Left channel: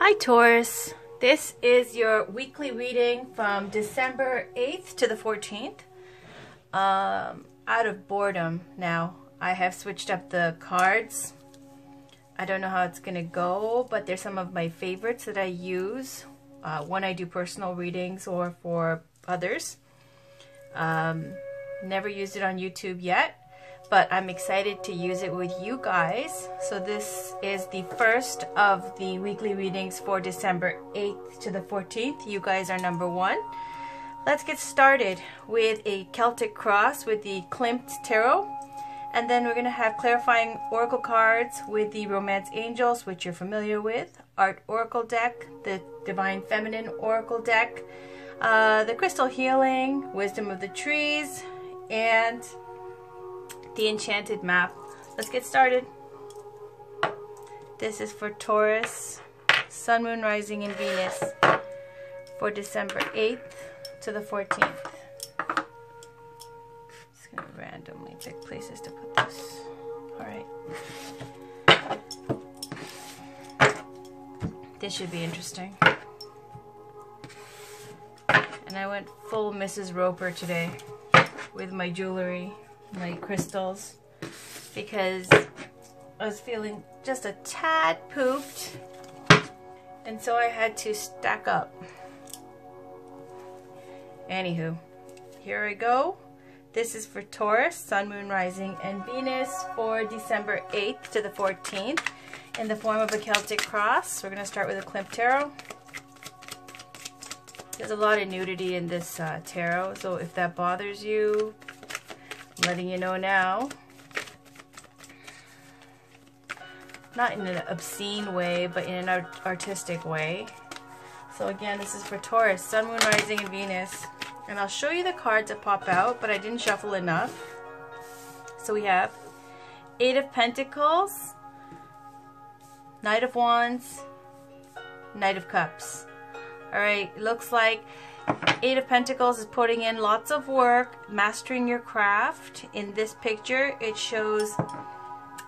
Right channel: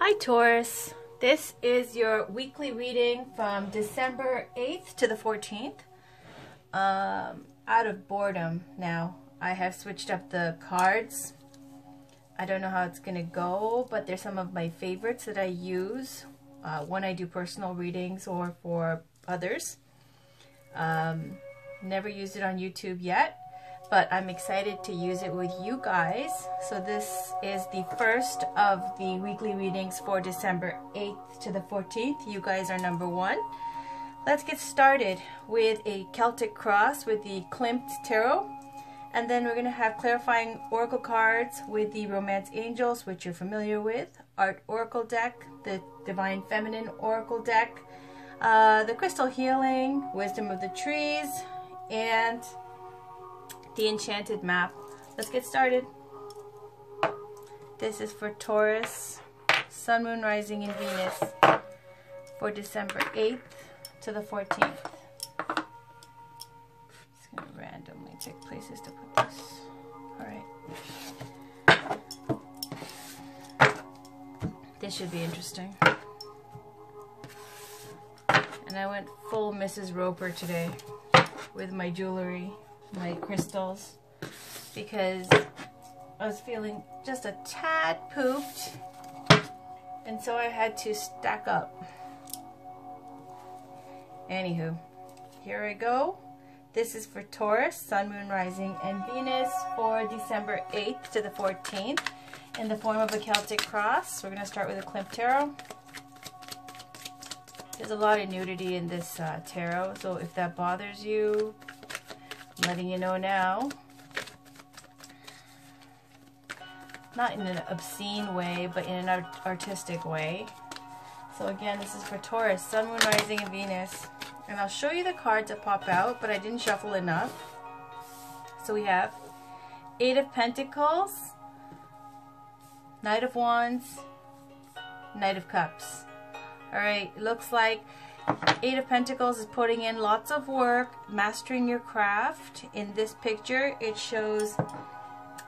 Hi Taurus, this is your weekly reading from December 8th to the 14th. Out of boredom now, I have switched up the cards. I don't know how it's going to go, but they're some of my favorites that I use when I do personal readings or for others. Never used it on YouTube yet, but I'm excited to use it with you guys. So this is the first of the weekly readings for December 8th to the 14th. You guys are number one. Let's get started with a Celtic cross with the Klimt Tarot. And then we're going to have clarifying oracle cards with the Romance Angels, which you're familiar with, Art Oracle deck, the Divine Feminine Oracle deck, the Crystal Healing, Wisdom of the Trees, and the Enchanted Map. Let's get started. This is for Taurus, Sun, Moon, Rising, and Venus for December 8th to the 14th. Just going to randomly pick places to put this. Alright. This should be interesting. And I went full Mrs. Roper today with my jewelry, my crystals, because I was feeling just a tad pooped, and so I had to stack up. Anywho, here I go. This is for Taurus, Sun, Moon, Rising, and Venus for December 8th to the 14th in the form of a Celtic cross. We're going to start with a Klimt Tarot. There's a lot of nudity in this tarot, so if that bothers you, I'm letting you know now. Not in an obscene way, but in an artistic way. So again, this is for Taurus, Sun, Moon, Rising, and Venus. And I'll show you the cards that pop out, but I didn't shuffle enough. So we have Eight of Pentacles, Knight of Wands, Knight of Cups. Alright, looks like Eight of Pentacles is putting in lots of work, mastering your craft. In this picture, it shows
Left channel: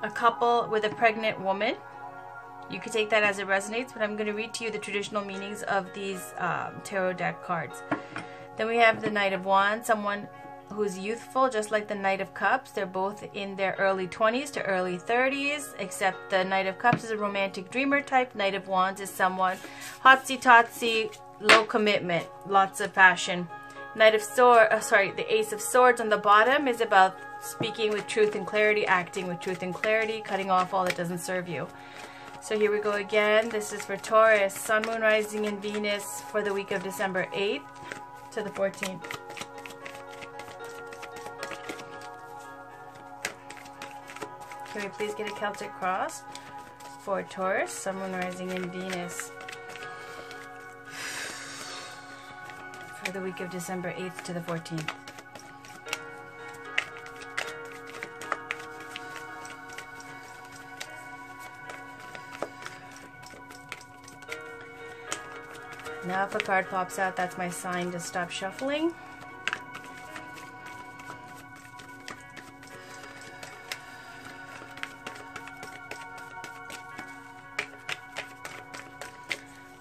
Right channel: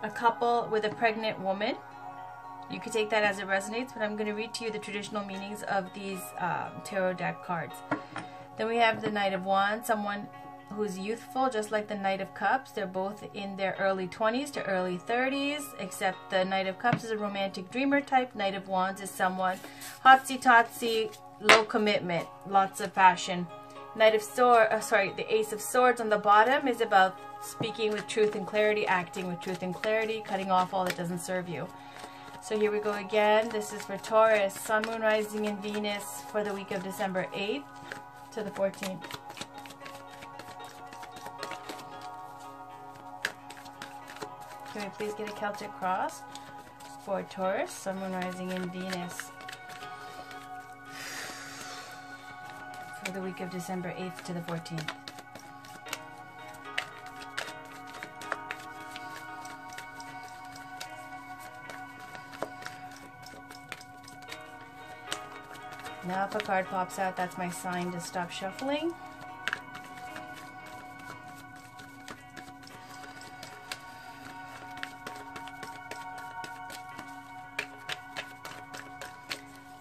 a couple with a pregnant woman. You could take that as it resonates, but I'm going to read to you the traditional meanings of these tarot deck cards. Then we have the Knight of Wands, someone who's youthful, just like the Knight of Cups. They're both in their early 20s to early 30s, except the Knight of Cups is a romantic dreamer type. Knight of Wands is someone hotsy-totsy, low commitment, lots of passion. Knight of the Ace of Swords on the bottom is about speaking with truth and clarity, acting with truth and clarity, cutting off all that doesn't serve you. So here we go again. This is for Taurus, Sun, Moon, Rising, and Venus for the week of December 8th to the 14th. Can we please get a Celtic cross for Taurus, Sun, Moon, Rising, and Venus for the week of December 8th to the 14th. Now if a card pops out, that's my sign to stop shuffling.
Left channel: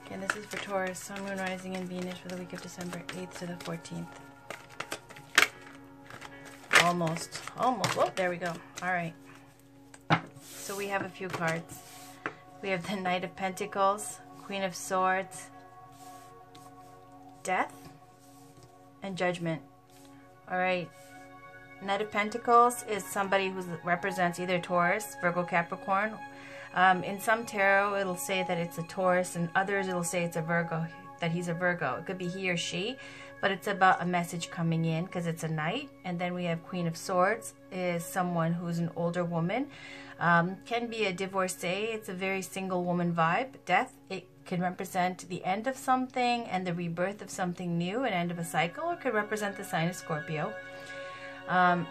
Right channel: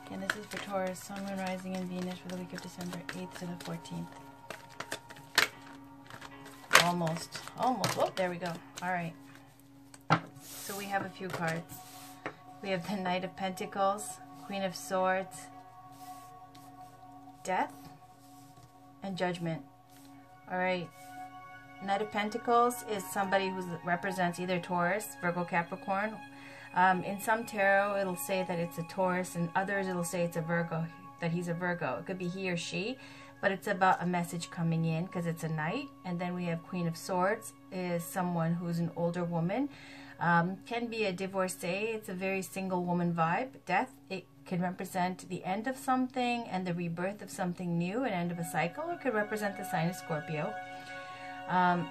Again, this is for Taurus, Sun, Moon, Rising, and Venus for the week of December 8th to the 14th. Almost. Oh, there we go. All right. So we have a few cards. We have the Knight of Pentacles, Queen of Swords, Death, and Judgment. Alright, Knight of Pentacles is somebody who represents either Taurus, Virgo, Capricorn. In some tarot it'll say that it's a Taurus, and others it'll say it's a Virgo, that he's a Virgo. It could be he or she, but it's about a message coming in because it's a knight. And then we have Queen of Swords is someone who's an older woman. Can be a divorcee. It's a very single woman vibe. Death, it can represent the end of something and the rebirth of something new, an end of a cycle, or could represent the sign of Scorpio.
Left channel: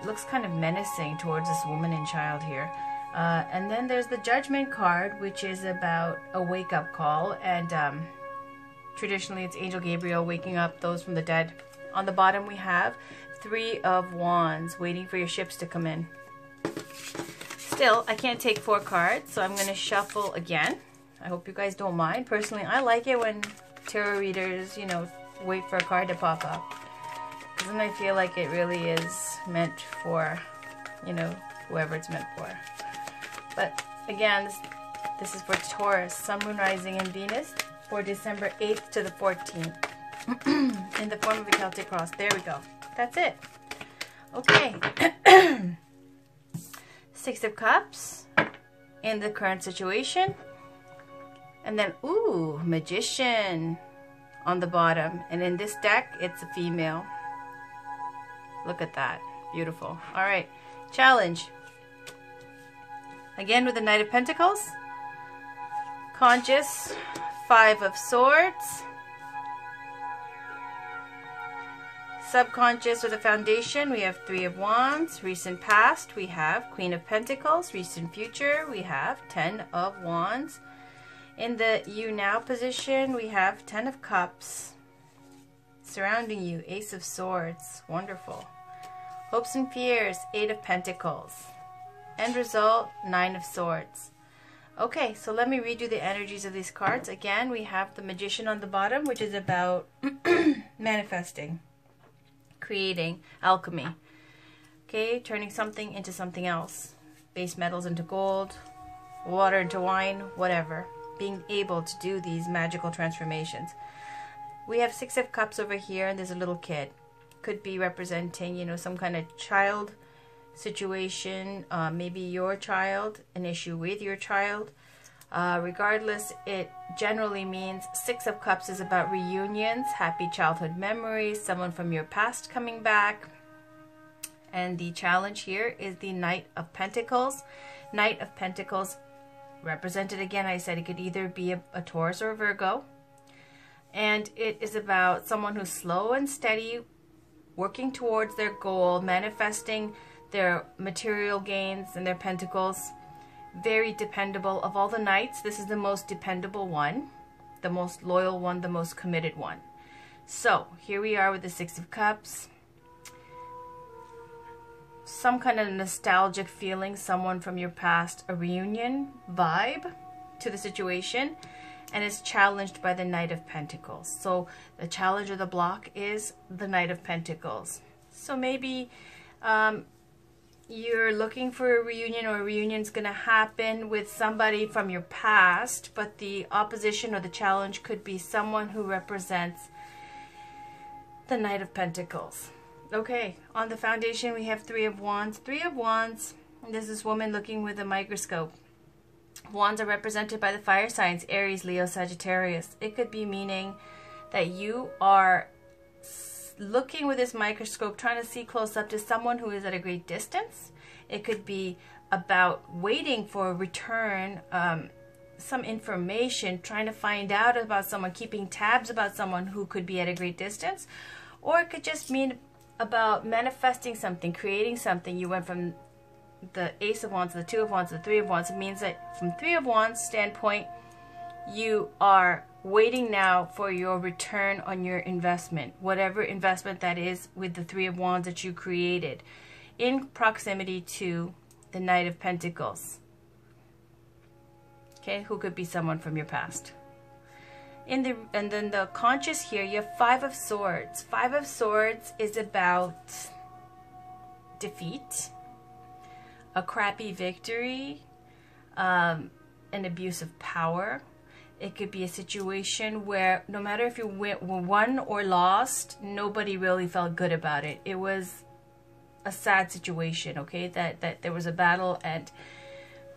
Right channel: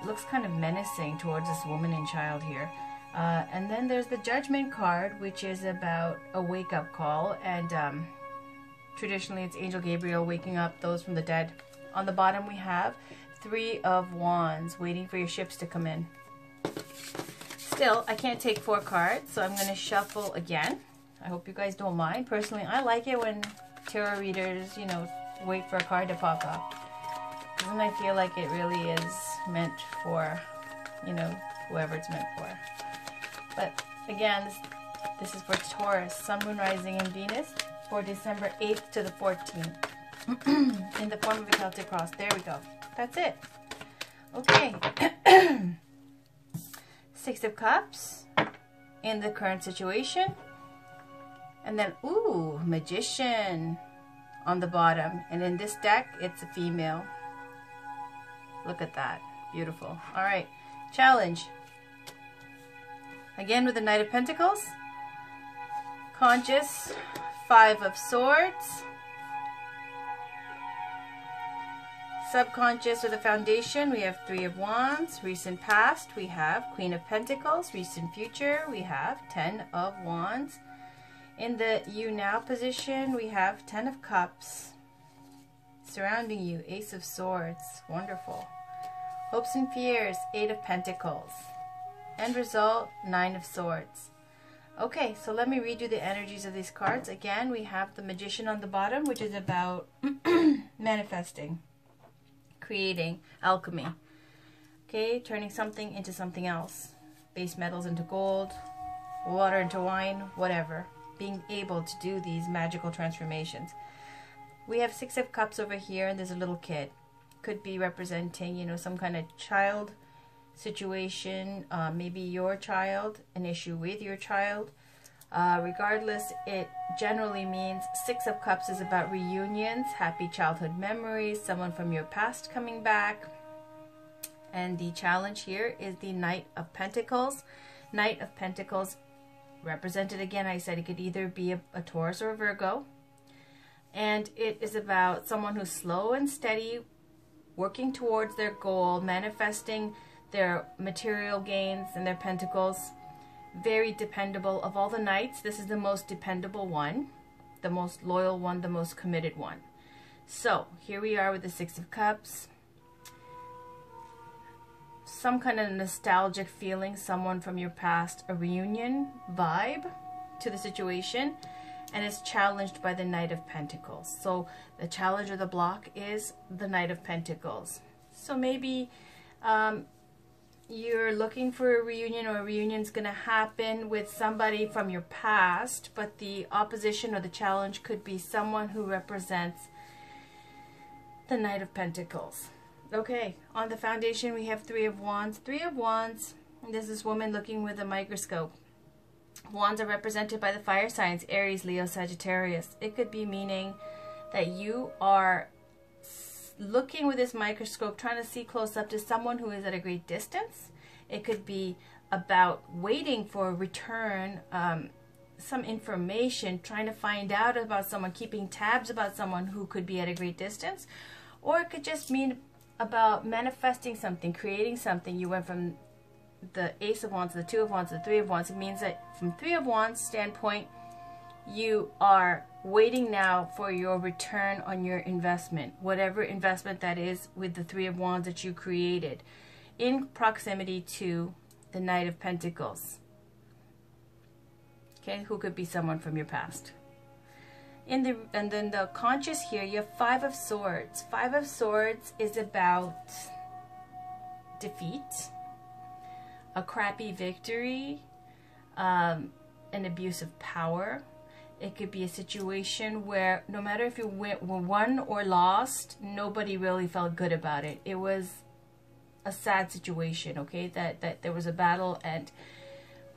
Looks kind of menacing towards this woman and child here. And then there's the Judgment card, which is about a wake-up call, and traditionally it's Angel Gabriel waking up those from the dead. On the bottom we have Three of Wands, waiting for your ships to come in. Still, I can't take 4 cards, so I'm going to shuffle again. I hope you guys don't mind. Personally, I like it when tarot readers, you know, wait for a card to pop up. Because then I feel like it really is meant for, you know, whoever it's meant for. But again, this is for Taurus, Sun, Moon, Rising, and Venus for December 8th to the 14th in the form of a Celtic cross. There we go. That's it. Okay. Six of Cups in the current situation. And then, ooh, Magician on the bottom. And in this deck, it's a female. Look at that. Beautiful. All right. Challenge. Again with the Knight of Pentacles. Conscious. Five of Swords. Subconscious with a foundation, we have Three of Wands. Recent past, we have Queen of Pentacles. Recent future, we have 10 of Wands. In the you now position, we have 10 of Cups. Surrounding you, Ace of Swords. Wonderful. Hopes and fears, 8 of Pentacles. End result, 9 of Swords. Okay, so let me redo the energies of these cards. Again, we have the Magician on the bottom, which is about manifesting, creating, alchemy. Okay, turning something into something else. Base metals into gold, water into wine, whatever. Being able to do these magical transformations. We have Six of Cups over here, and there's a little kid. Could be representing, you know, some kind of child situation, maybe your child, an issue with your child. Regardless, it generally means Six of Cups is about reunions, happy childhood memories, someone from your past coming back. And the challenge here is the Knight of Pentacles. Knight of Pentacles represented, again, I said it could either be a Taurus or a Virgo. And it is about someone who's slow and steady, working towards their goal, manifesting their material gains and their pentacles. Very dependable. Of all the knights, this is the most dependable one, the most loyal one, the most committed one. So here we are with the Six of Cups. Some kind of nostalgic feeling, someone from your past, a reunion vibe to the situation, and it's challenged by the Knight of Pentacles. So the challenge or the block is the Knight of Pentacles. So maybe you're looking for a reunion, or a reunion's going to happen with somebody from your past, but the opposition or the challenge could be someone who represents the Knight of Pentacles. Okay, on the foundation we have Three of Wands. Three of Wands, this is woman looking with a microscope. Wands are represented by the fire signs, Aries, Leo, Sagittarius. It could be meaning that you are looking with this microscope, trying to see close up to someone who is at a great distance. It could be about waiting for a return, some information, trying to find out about someone, keeping tabs about someone who could be at a great distance. Or it could just mean about manifesting something, creating something. You went from the Ace of Wands, the Two of Wands, the Three of Wands. It means that from Three of Wands standpoint, you are waiting now for your return on your investment, whatever investment that is, with the Three of Wands that you created in proximity to the Knight of Pentacles. Okay, who could be someone from your past. And then the conscious here, you have Five of Swords. Five of Swords is about defeat, a crappy victory, an abuse of power. It could be a situation where no matter if you won or lost, nobody really felt good about it. It was a sad situation, okay? That there was a battle and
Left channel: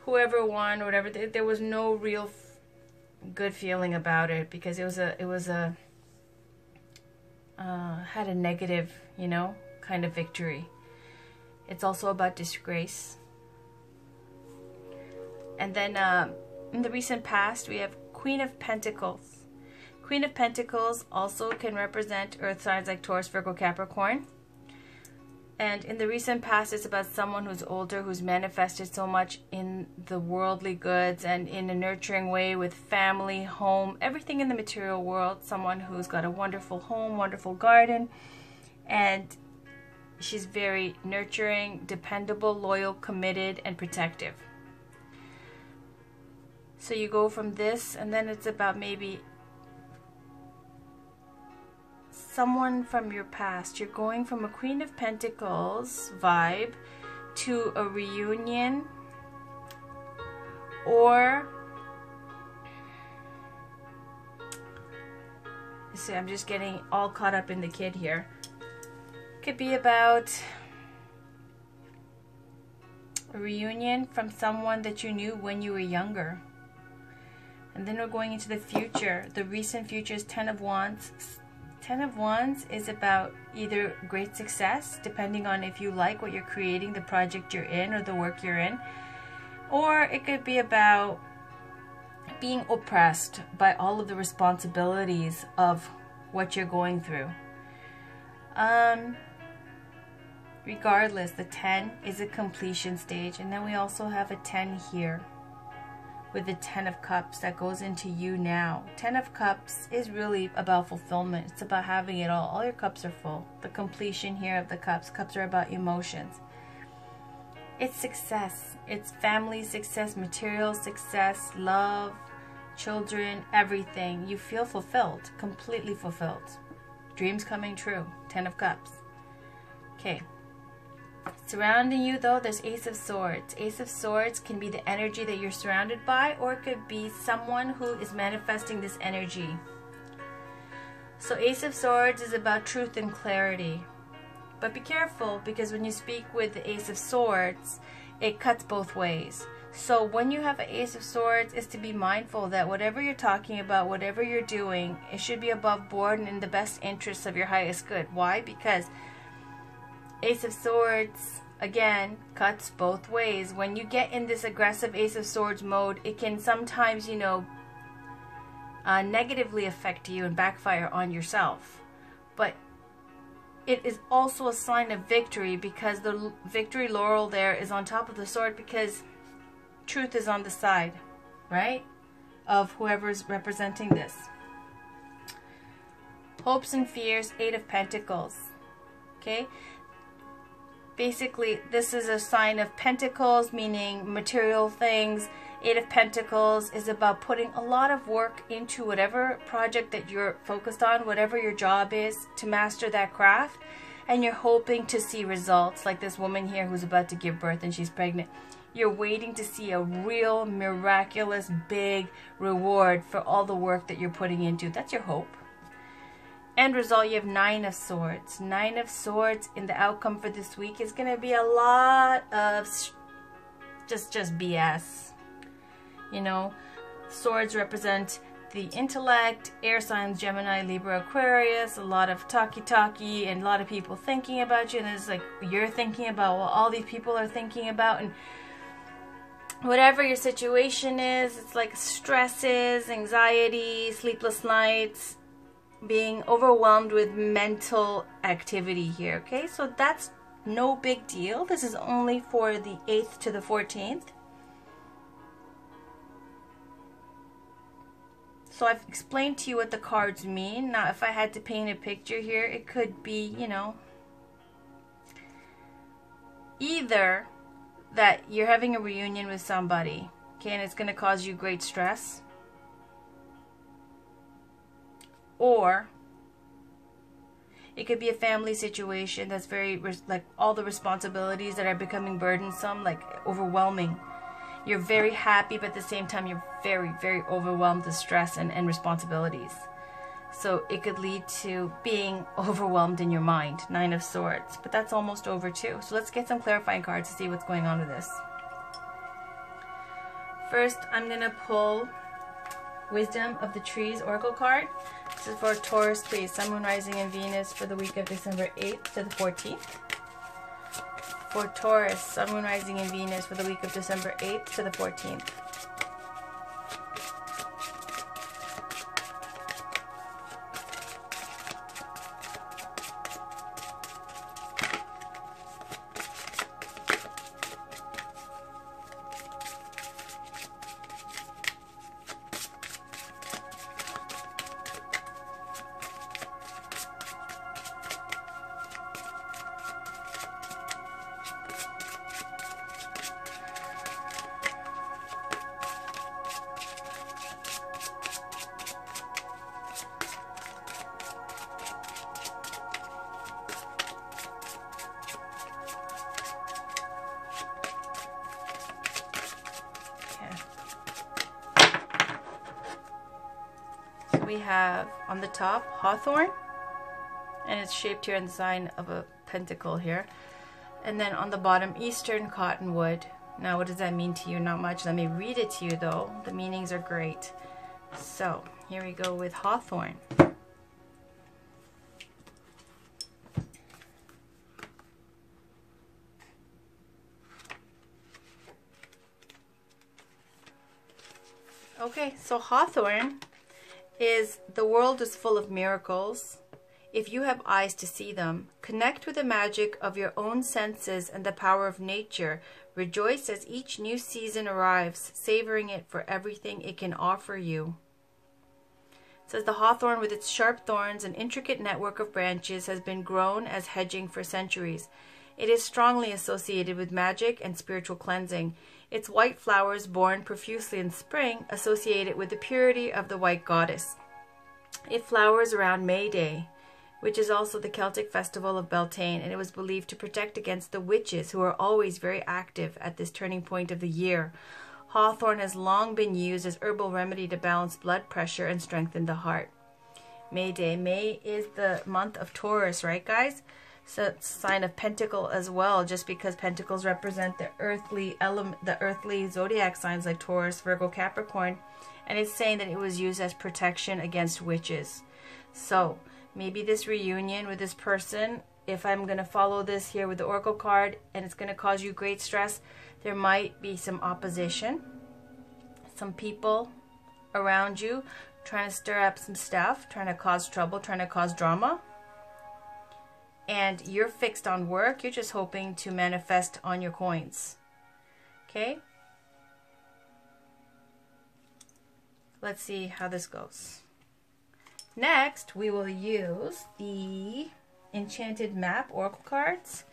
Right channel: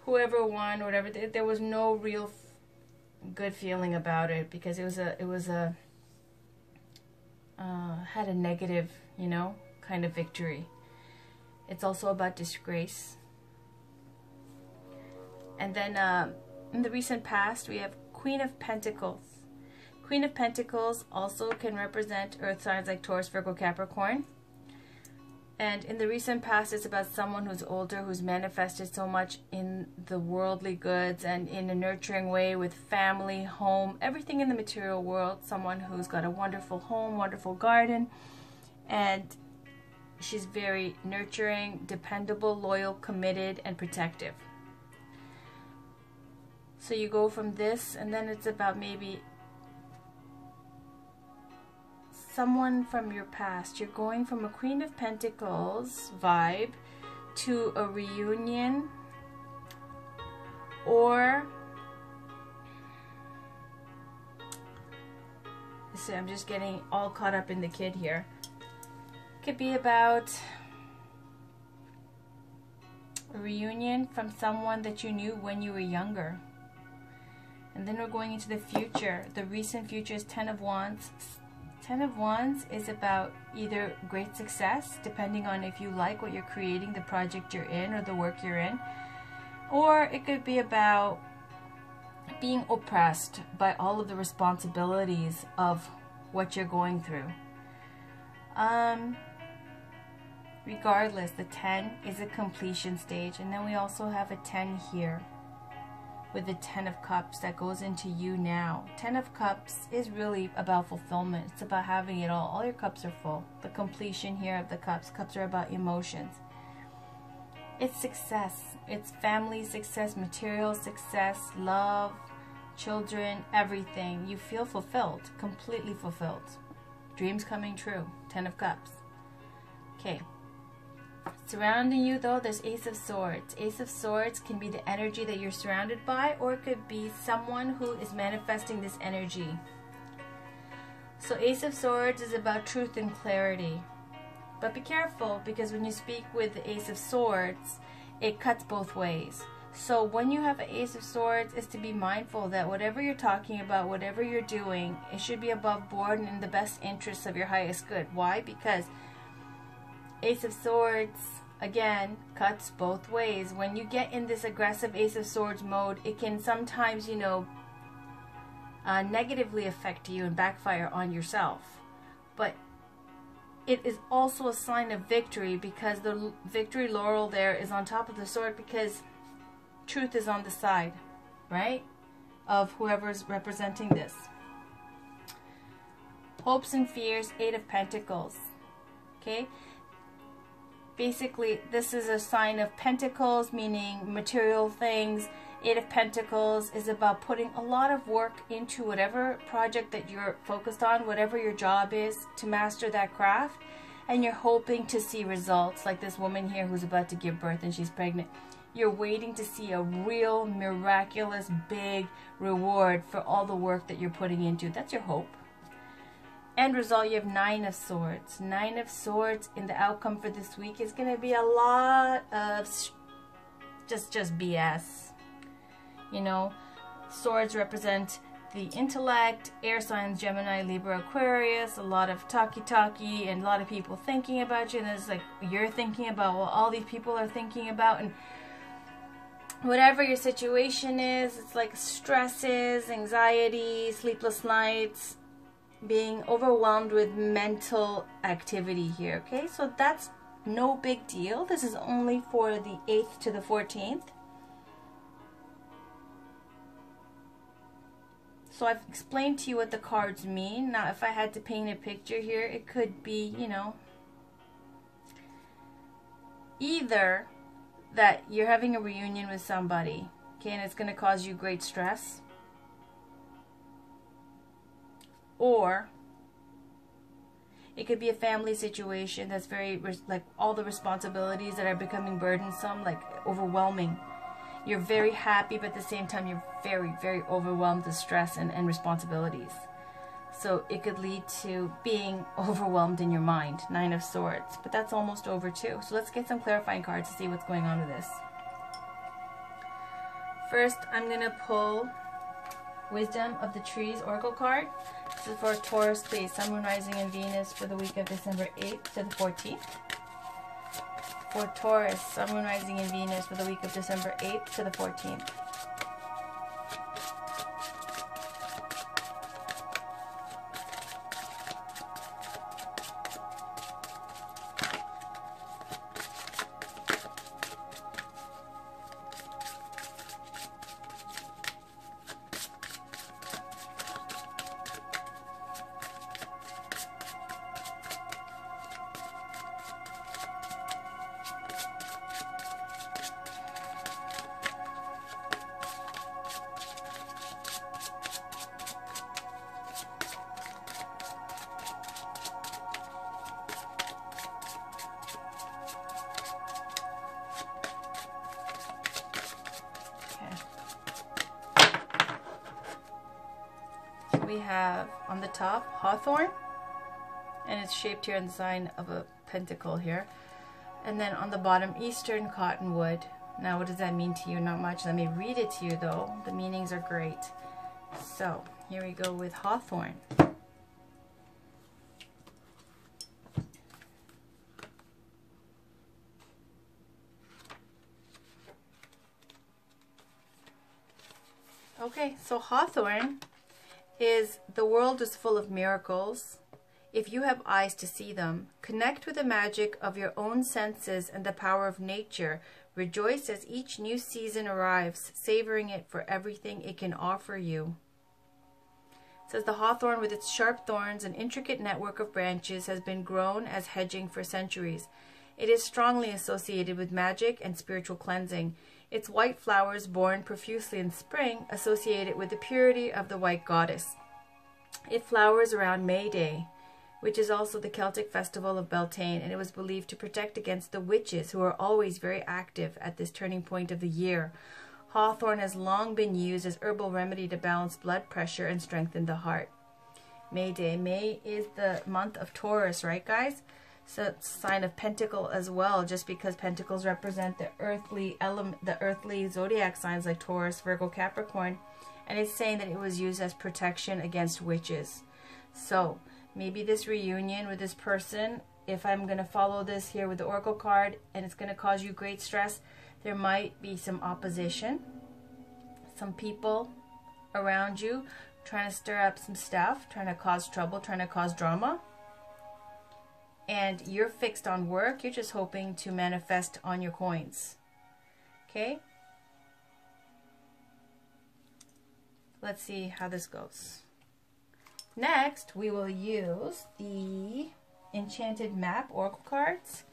whoever won or whatever, there was no real good feeling about it, because it was a had a negative, you know, kind of victory. It's also about disgrace. And then in the recent past, we have Queen of Pentacles. Queen of Pentacles also can represent earth signs like Taurus, Virgo, Capricorn. And in the recent past, it's about someone who's older, who's manifested so much in the worldly goods and in a nurturing way with family, home, everything in the material world. Someone who's got a wonderful home, wonderful garden, and she's very nurturing, dependable, loyal, committed, and protective. So you go from this, and then it's about maybe someone from your past. You're going from a Queen of Pentacles vibe to a reunion, or so I'm just getting all caught up in the kid here. Could be about a reunion from someone that you knew when you were younger. And then we're going into the future. The recent future is 10 of Wands. 10 of Wands is about either great success, depending on if you like what you're creating, the project you're in, or the work you're in. Or it could be about being oppressed by all of the responsibilities of what you're going through. Regardless, the 10 is a completion stage. And then we also have a 10 here, with the 10 of Cups that goes into you now. 10 of Cups is really about fulfillment. It's about having it all. All your cups are full. The completion here of the cups. Cups are about emotions. It's success. It's family success, material success, love, children, everything. You feel fulfilled, completely fulfilled. Dreams coming true. 10 of Cups. Okay. Surrounding you, though, there's Ace of Swords. Ace of Swords can be the energy that you're surrounded by, or it could be someone who is manifesting this energy. So Ace of Swords is about truth and clarity. But be careful, because when you speak with the Ace of Swords, it cuts both ways. So when you have an Ace of Swords, it's to be mindful that whatever you're talking about, whatever you're doing, it should be above board and in the best interests of your highest good. Why? Because Ace of Swords, again, cuts both ways. When you get in this aggressive Ace of Swords mode, it can sometimes, you know, negatively affect you and backfire on yourself. But it is also a sign of victory, because the victory laurel there is on top of the sword, because truth is on the side, right, of whoever's representing this. Hopes and fears, 8 of Pentacles. Okay. Basically, this is a sign of Pentacles, meaning material things. 8 of Pentacles is about putting a lot of work into whatever project that you're focused on, whatever your job is, to master that craft. And you're hoping to see results, like this woman here who's about to give birth and she's pregnant. You're waiting to see a real, miraculous, big reward for all the work that you're putting into. That's your hope. End result, you have 9 of Swords. 9 of Swords in the outcome for this week is going to be a lot of just BS. You know, swords represent the intellect, air signs, Gemini, Libra, Aquarius, a lot of talky and a lot of people thinking about you, and it's like you're thinking about what all these people are thinking about, and whatever your situation is, it's like stresses, anxiety, sleepless nights, being overwhelmed with mental activity here, okay? So that's no big deal. This is only for the 8th to the 14th. So I've explained to you what the cards mean. Now, if I had to paint a picture here, it could be, you know, either that you're having a reunion with somebody, okay, and it's going to cause you great stress, or it could be a family situation that's very, like, all the responsibilities that are becoming burdensome, like overwhelming. You're very happy, but at the same time, you're very, very overwhelmed with stress and responsibilities. So it could lead to being overwhelmed in your mind. 9 of Swords. But that's almost over too. So let's get some clarifying cards to see what's going on with this. First, I'm going to pull Wisdom of the Trees Oracle card. This is for Taurus, please. Sun, Moon, Rising, and Venus for the week of December 8th to the 14th. For Taurus, Sun, Moon, Rising, and Venus for the week of December 8th to the 14th. we have on the top hawthorn, and it's shaped here in the sign of a pentacle here. And then on the bottom, eastern cottonwood. Now, what does that mean to you? Not much. Let me read it to you, though. The meanings are great. So, here we go with hawthorn. Okay, so hawthorn is the world is full of miracles. If you have eyes to see them, connect with the magic of your own senses and the power of nature. Rejoice as each new season arrives, savoring it for everything it can offer you. It says the hawthorn with its sharp thorns and intricate network of branches has been grown as hedging for centuries. It is strongly associated with magic and spiritual cleansing. Its white flowers, born profusely in spring, associated with the purity of the white goddess. It flowers around May Day, which is also the Celtic festival of Beltane, and it was believed to protect against the witches, who are always very active at this turning point of the year. Hawthorn has long been used as herbal remedy to balance blood pressure and strengthen the heart. May Day. May is the month of Taurus, right, guys? So it's a sign of pentacle as well, just because pentacles represent the earthly element, the earthly zodiac signs like Taurus, Virgo, Capricorn, and it's saying that it was used as protection against witches. So maybe this reunion with this person, if I'm going to follow this here with the Oracle card, and it's going to cause you great stress, there might be some opposition, some people around you trying to stir up some stuff, trying to cause trouble, trying to cause drama. And you're fixed on work. You're just hoping to manifest on your coins. Okay? Let's see how this goes. Next, we will use the Enchanted Map Oracle cards.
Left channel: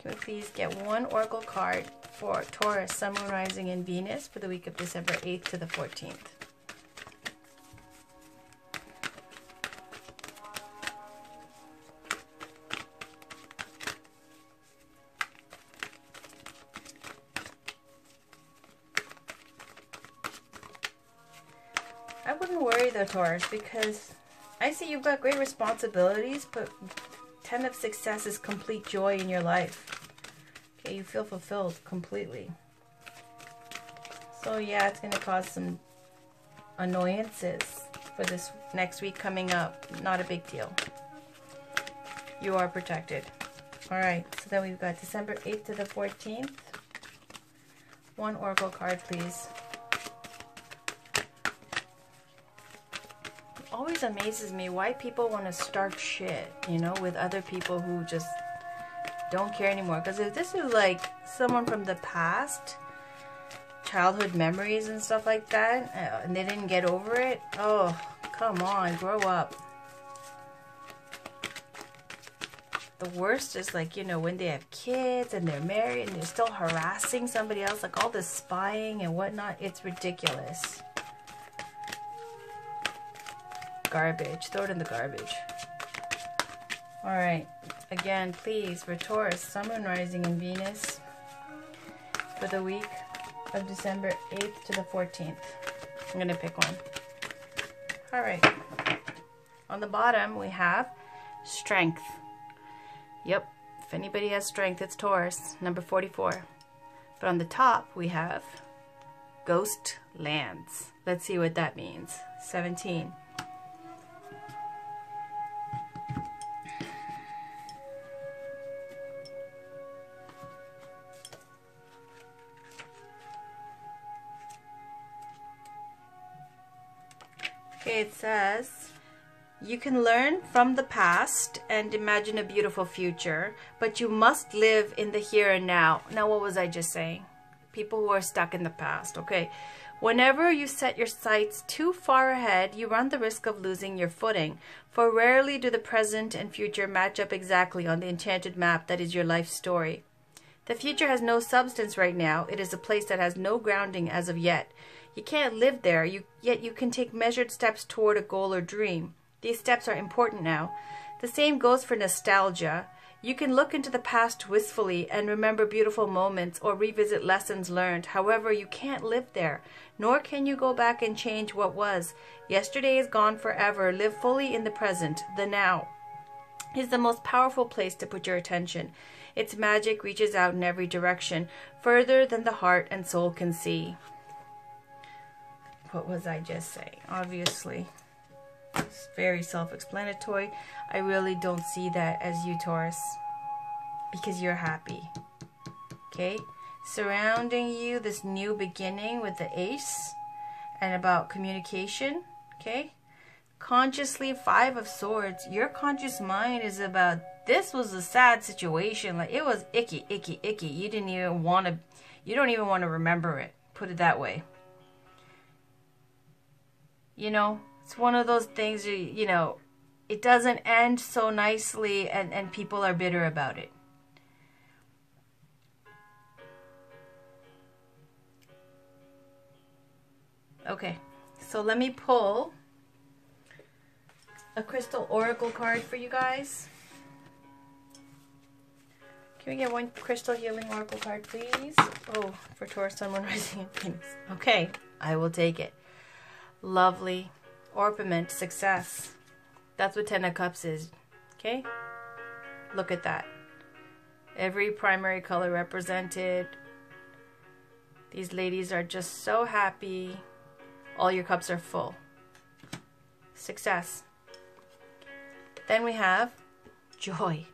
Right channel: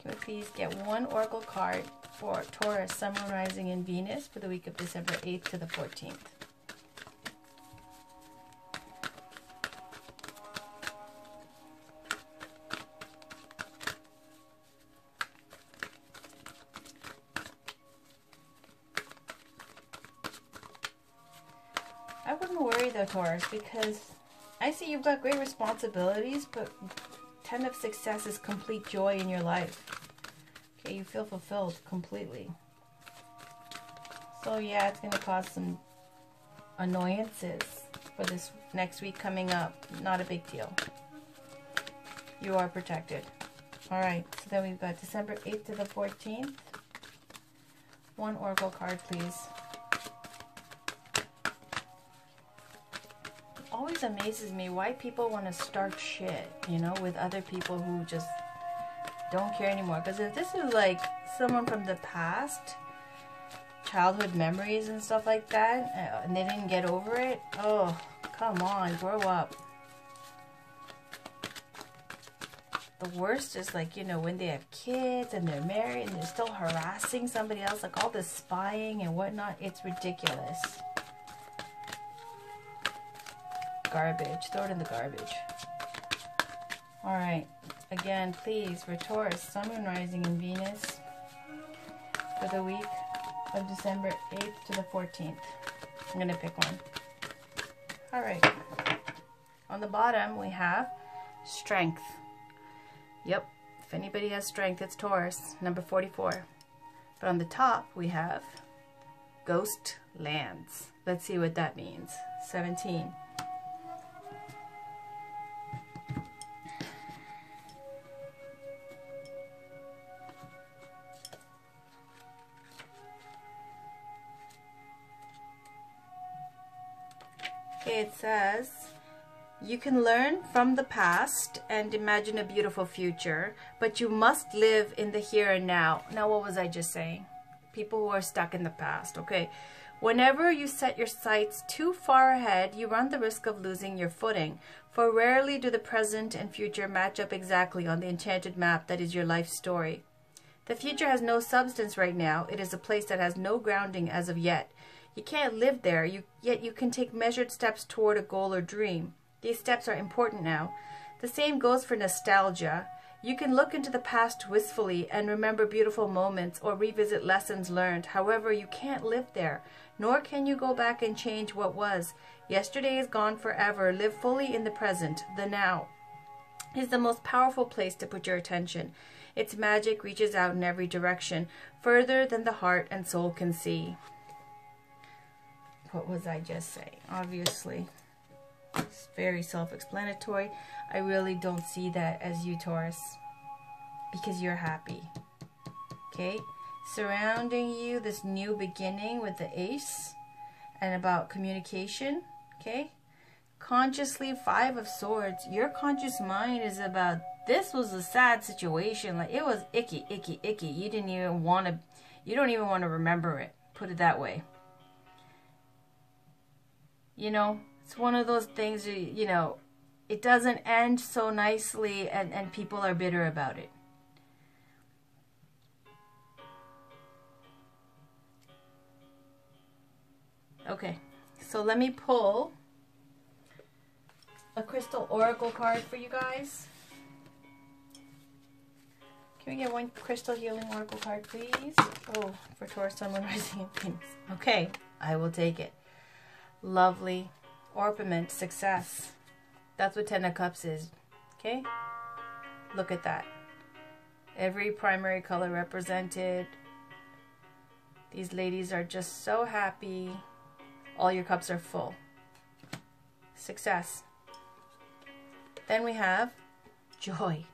Can we please get one Oracle card for Taurus, Sun, Moon, Rising, and Venus for the week of December 8th to the 14th? I wouldn't worry though, Taurus, because I see you've got great responsibilities, but 10 of success is complete joy in your life. Okay, you feel fulfilled completely. So yeah, it's going to cause some annoyances for this next week coming up. Not a big deal. You are protected. Alright, so then we've got December 8th to the 14th. One Oracle card, please. Always amazes me why people want to start shit, you know, with other people who just don't care anymore. Because if this is like someone from the past, childhood memories and stuff like that, and they didn't get over it, oh, come on, grow up. The worst is like, you know, when they have kids and they're married and they're still harassing somebody else, like all this spying and whatnot. It's ridiculous. Garbage. Throw it in the garbage. Alright. Again, please, for Taurus, Sun, Moon, Rising, and Venus for the week of December 8th to the 14th. I'm going to pick one. Alright. On the bottom, we have strength. Yep. If anybody has strength, it's Taurus, number 44. But on the top, we have ghost lands. Let's see what that means. 17. It says, you can learn from the past and imagine a beautiful future, but you must live in the here and now. Now, what was I just saying? People who are stuck in the past. Okay. Whenever you set your sights too far ahead, you run the risk of losing your footing. For rarely do the present and future match up exactly on the enchanted map that is your life story. The future has no substance right now. It is a place that has no grounding as of yet. You can't live there, yet you can take measured steps toward a goal or dream. These steps are important now. The same goes for nostalgia. You can look into the past wistfully and remember beautiful moments or revisit lessons learned. However, you can't live there, nor can you go back and change what was. Yesterday is gone forever. Live fully in the present. The now is the most powerful place to put your attention. Its magic reaches out in every direction, further than the heart and soul can see. What was I just saying? Obviously, it's very self-explanatory. I really don't see that as you, Taurus, because you're happy. Okay? Surrounding you, this new beginning with the Ace, and about communication. Okay? Consciously, 5 of Swords. Your conscious mind is about, this was a sad situation. Like, it was icky, icky, icky. You don't even want to remember it. Put it that way. You know, it's one of those things, you know, it doesn't end so nicely and people are bitter about it. Okay, so let me pull a crystal oracle card for you guys. Can we get one crystal healing oracle card, please? Oh, for Taurus, Sun, Moon, Rising, and Kings. Okay, I will take it. Lovely. ORPIMENT, success. That's what 10 of Cups is. Okay? Look at that. Every primary color represented. These ladies are just so happy. All your cups are full. Success. Then we have joy.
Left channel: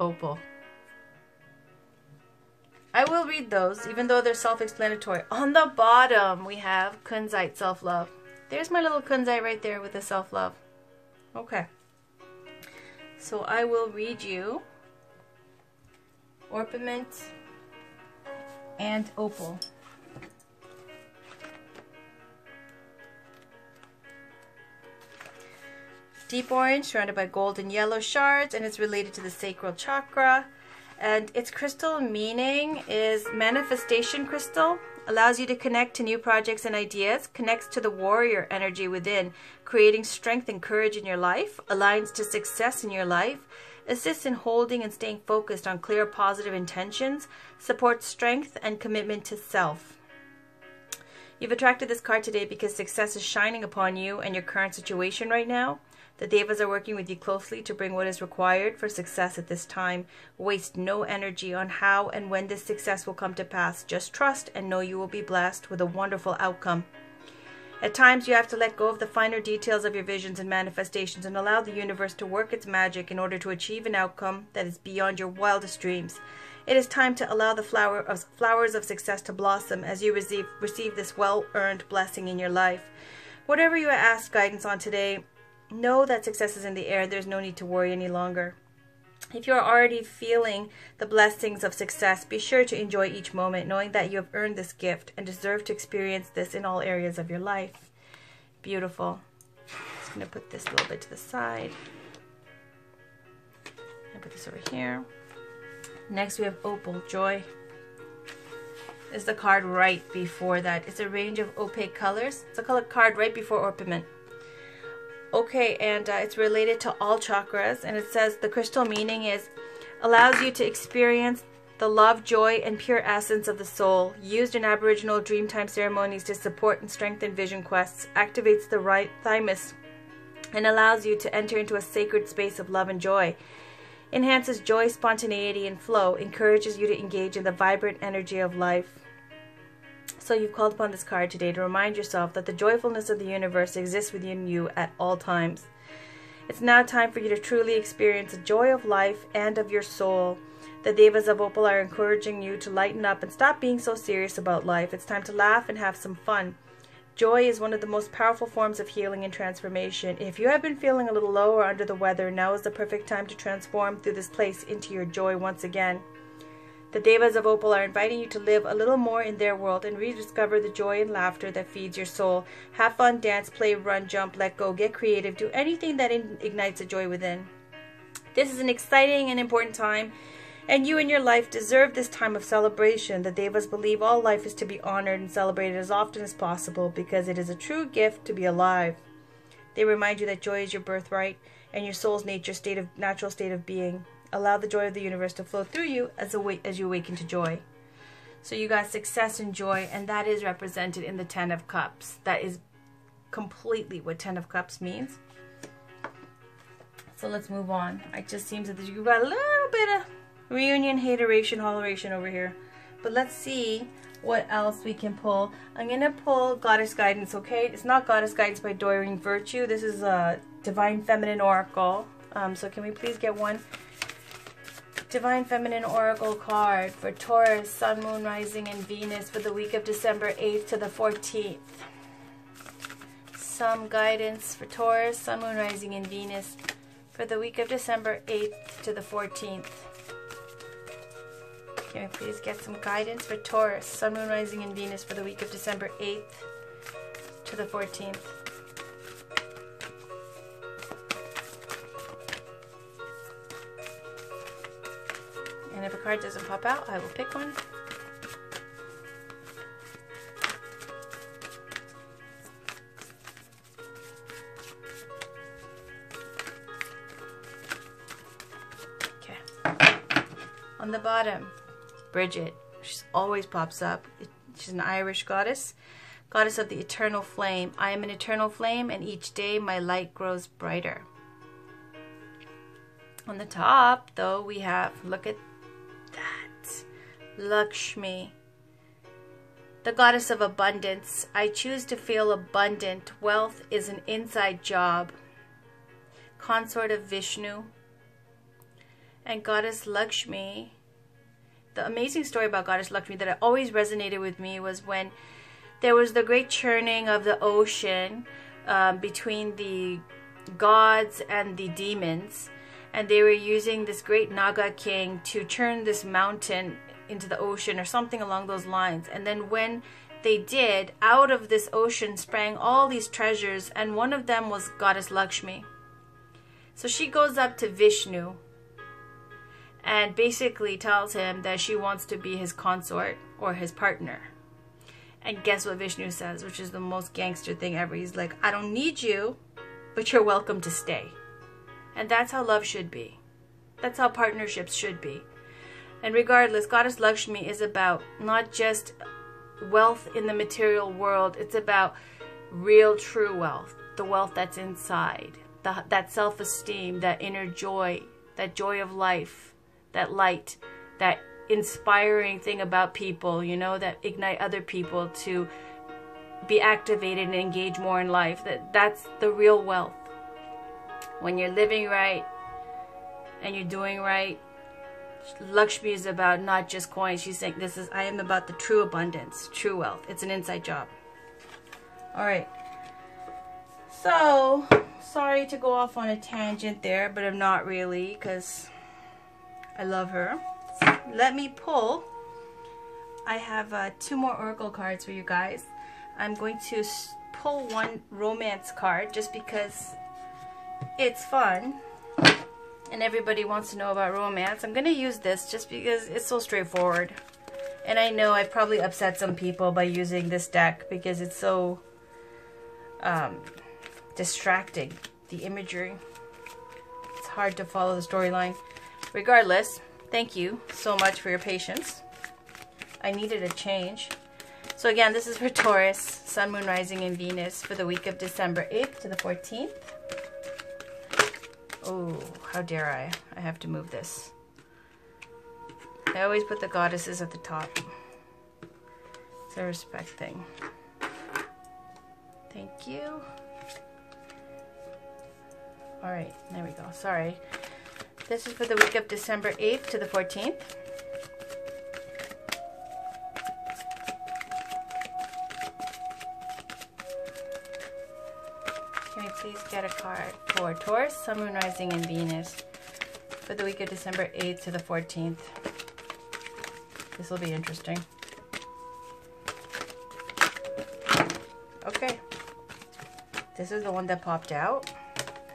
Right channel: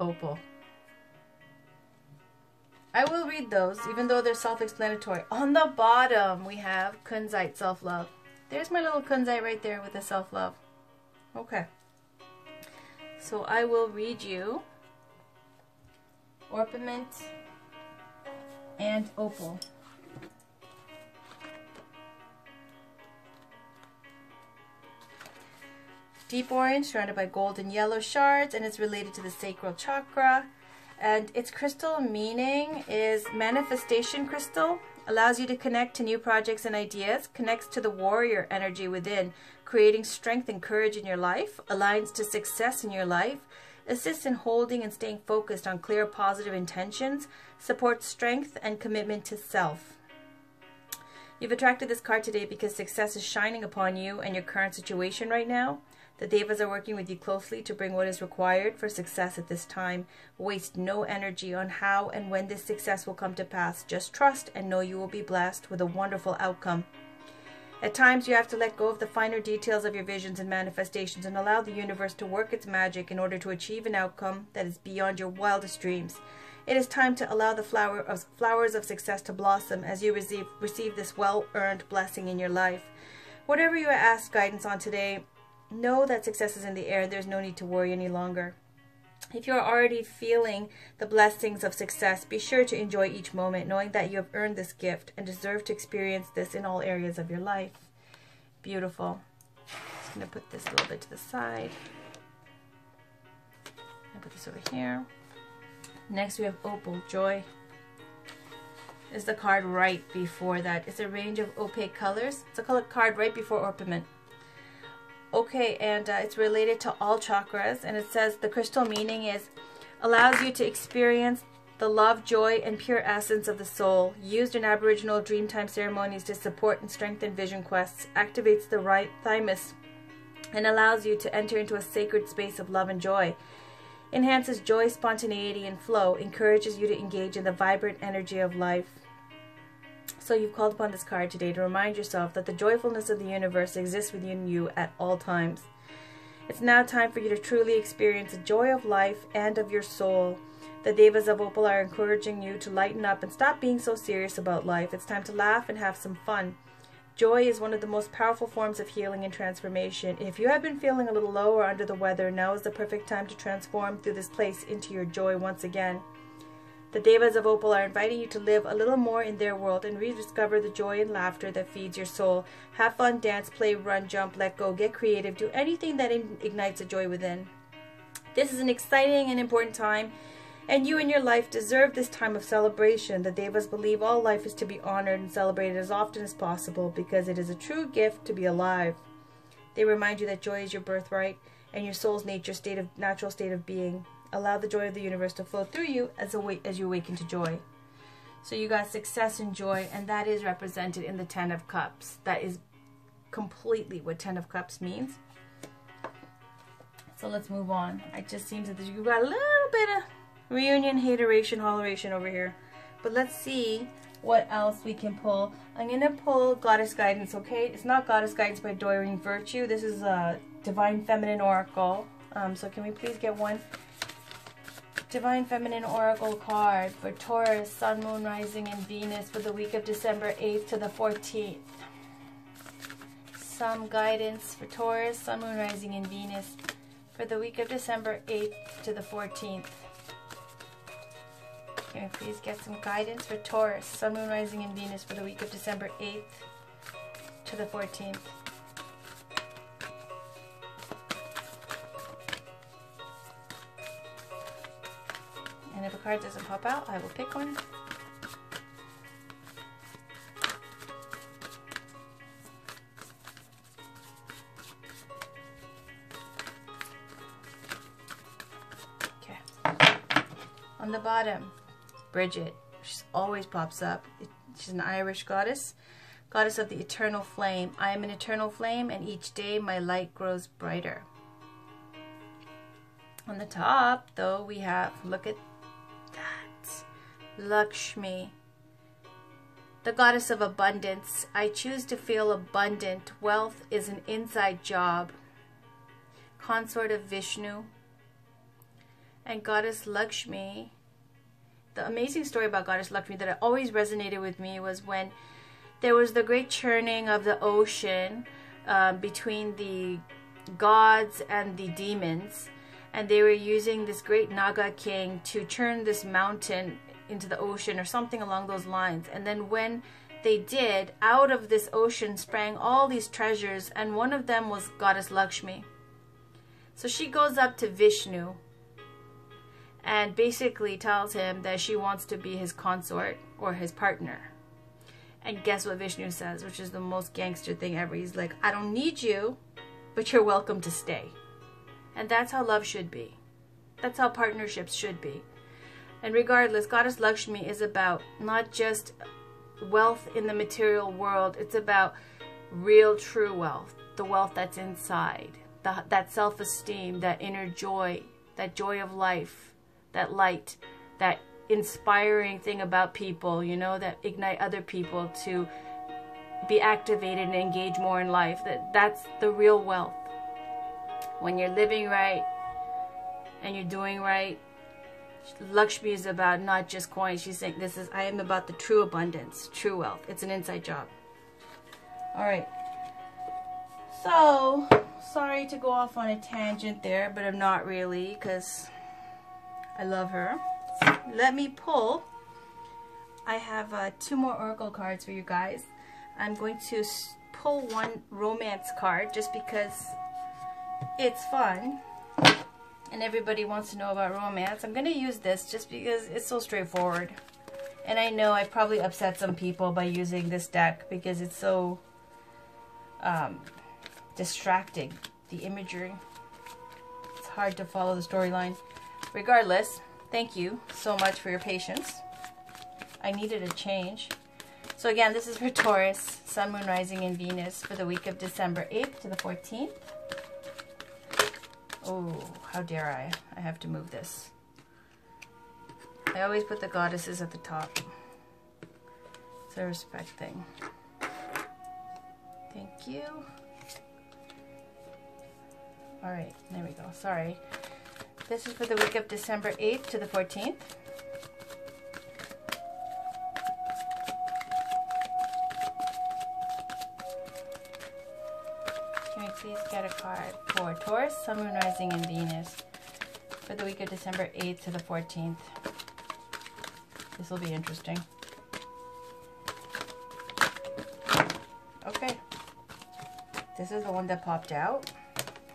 Opal. I will read those, even though they're self-explanatory. On the bottom, we have kunzite, self-love. There's my little kunzite right there with the self-love. Okay. So I will read you ORPIMENT and Opal. Deep orange, surrounded by gold and yellow shards, and it's related to the sacral chakra. And its crystal meaning is manifestation crystal, allows you to connect to new projects and ideas, connects to the warrior energy within, creating strength and courage in your life, aligns to success in your life, assists in holding and staying focused on clear positive intentions, supports strength and commitment to self. You've attracted this card today because success is shining upon you and your current situation right now. The Devas are working with you closely to bring what is required for success at this time. Waste no energy on how and when this success will come to pass. Just trust and know you will be blessed with a wonderful outcome. At times, you have to let go of the finer details of your visions and manifestations and allow the universe to work its magic in order to achieve an outcome that is beyond your wildest dreams. It is time to allow the flowers of success to blossom as you receive this well-earned blessing in your life. Whatever you ask guidance on today, know that success is in the air. There's no need to worry any longer. If you're already feeling the blessings of success, be sure to enjoy each moment, knowing that you have earned this gift and deserve to experience this in all areas of your life. Beautiful. Just going to put this a little bit to the side. I'll put this over here. Next we have Opal, joy. This is the card right before that. It's a range of opaque colors. It's a color card right before ORPIMENT. Okay, and it's related to all chakras, and it says the crystal meaning is allows you to experience the love, joy, and pure essence of the soul, used in Aboriginal Dreamtime ceremonies to support and strengthen vision quests, activates the right thymus, and allows you to enter into a sacred space of love and joy, enhances joy, spontaneity, and flow, encourages you to engage in the vibrant energy of life. So you've called upon this card today to remind yourself that the joyfulness of the universe exists within you at all times. It's now time for you to truly experience the joy of life and of your soul. The Devas of Opal are encouraging you to lighten up and stop being so serious about life. It's time to laugh and have some fun. Joy is one of the most powerful forms of healing and transformation. If you have been feeling a little low or under the weather, now is the perfect time to transform through this place into your joy once again. The Devas of Opal are inviting you to live a little more in their world and rediscover the joy and laughter that feeds your soul. Have fun, dance, play, run, jump, let go, get creative, do anything that ignites the joy within. This is an exciting and important time, and you in your life deserve this time of celebration. The Devas believe all life is to be honored and celebrated as often as possible because it is a true gift to be alive. They remind you that joy is your birthright and your soul's natural state of being. Allow the joy of the universe to flow through you as you awaken to joy. So you got success and joy, and that is represented in the 10 of Cups. That is completely what 10 of Cups means. So let's move on. It just seems that you've got a little bit of reunion, hateration, holleration over here. But let's see what else we can pull. I'm going to pull Goddess Guidance, okay? It's not Goddess Guidance by Doreen Virtue. This is a Divine Feminine Oracle. So can we please get one Divine Feminine Oracle card for Taurus, Sun, Moon, Rising, and Venus for the week of December 8th to the 14th. Some guidance for Taurus, Sun, Moon, Rising, and Venus for the week of December 8th to the 14th. Can we please get some guidance for Taurus, Sun, Moon, Rising, and Venus for the week of December 8th to the 14th? And if a card doesn't pop out, I will pick one. Okay. On the bottom, Bridget. She always pops up. She's an Irish goddess. Goddess of the eternal flame. I am an eternal flame, and each day my light grows brighter. On the top, though, we have, look at that, Lakshmi, the goddess of abundance. I choose to feel abundant. Wealth is an inside job. Consort of Vishnu. And Goddess Lakshmi, the amazing story about Goddess Lakshmi that always resonated with me was when there was the great churning of the ocean between the gods and the demons. And they were using this great Naga king to churn this mountain into the ocean or something along those lines. And then when they did, out of this ocean sprang all these treasures, and one of them was Goddess Lakshmi. So she goes up to Vishnu and basically tells him that she wants to be his consort or his partner. And guess what Vishnu says, which is the most gangster thing ever. He's like, I don't need you, but you're welcome to stay. And that's how love should be. That's how partnerships should be. And regardless, Goddess Lakshmi is about not just wealth in the material world. It's about real, true wealth. The wealth that's inside. That self-esteem, that inner joy, that joy of life, that light, that inspiring thing about people, you know, that ignite other people to be activated and engage more in life. That's the real wealth. When you're living right and you're doing right, Lakshmi is about not just coins. She's saying, I am about the true abundance, true wealth. It's an inside job. All right. So, sorry to go off on a tangent there, but I'm not really, because I love her. So let me pull. I have 2 more oracle cards for you guys. I'm going to pull one romance card just because it's fun and everybody wants to know about romance. I'm going to use this just because it's so straightforward. And I know I probably upset some people by using this deck because it's so distracting, the imagery. It's hard to follow the storyline. Regardless, thank you so much for your patience. I needed a change. So again, this is for Taurus, Sun, Moon, Rising, and Venus for the week of December 8th to the 14th. Oh, how dare I? I have to move this. I always put the goddesses at the top. It's a respect thing. Thank you. Alright, there we go. Sorry. This is for the week of December 8th to the 14th. Can we please get a card for Taurus, Sun, Moon, Rising, and Venus for the week of December 8th to the 14th? This will be interesting. Okay. This is the one that popped out.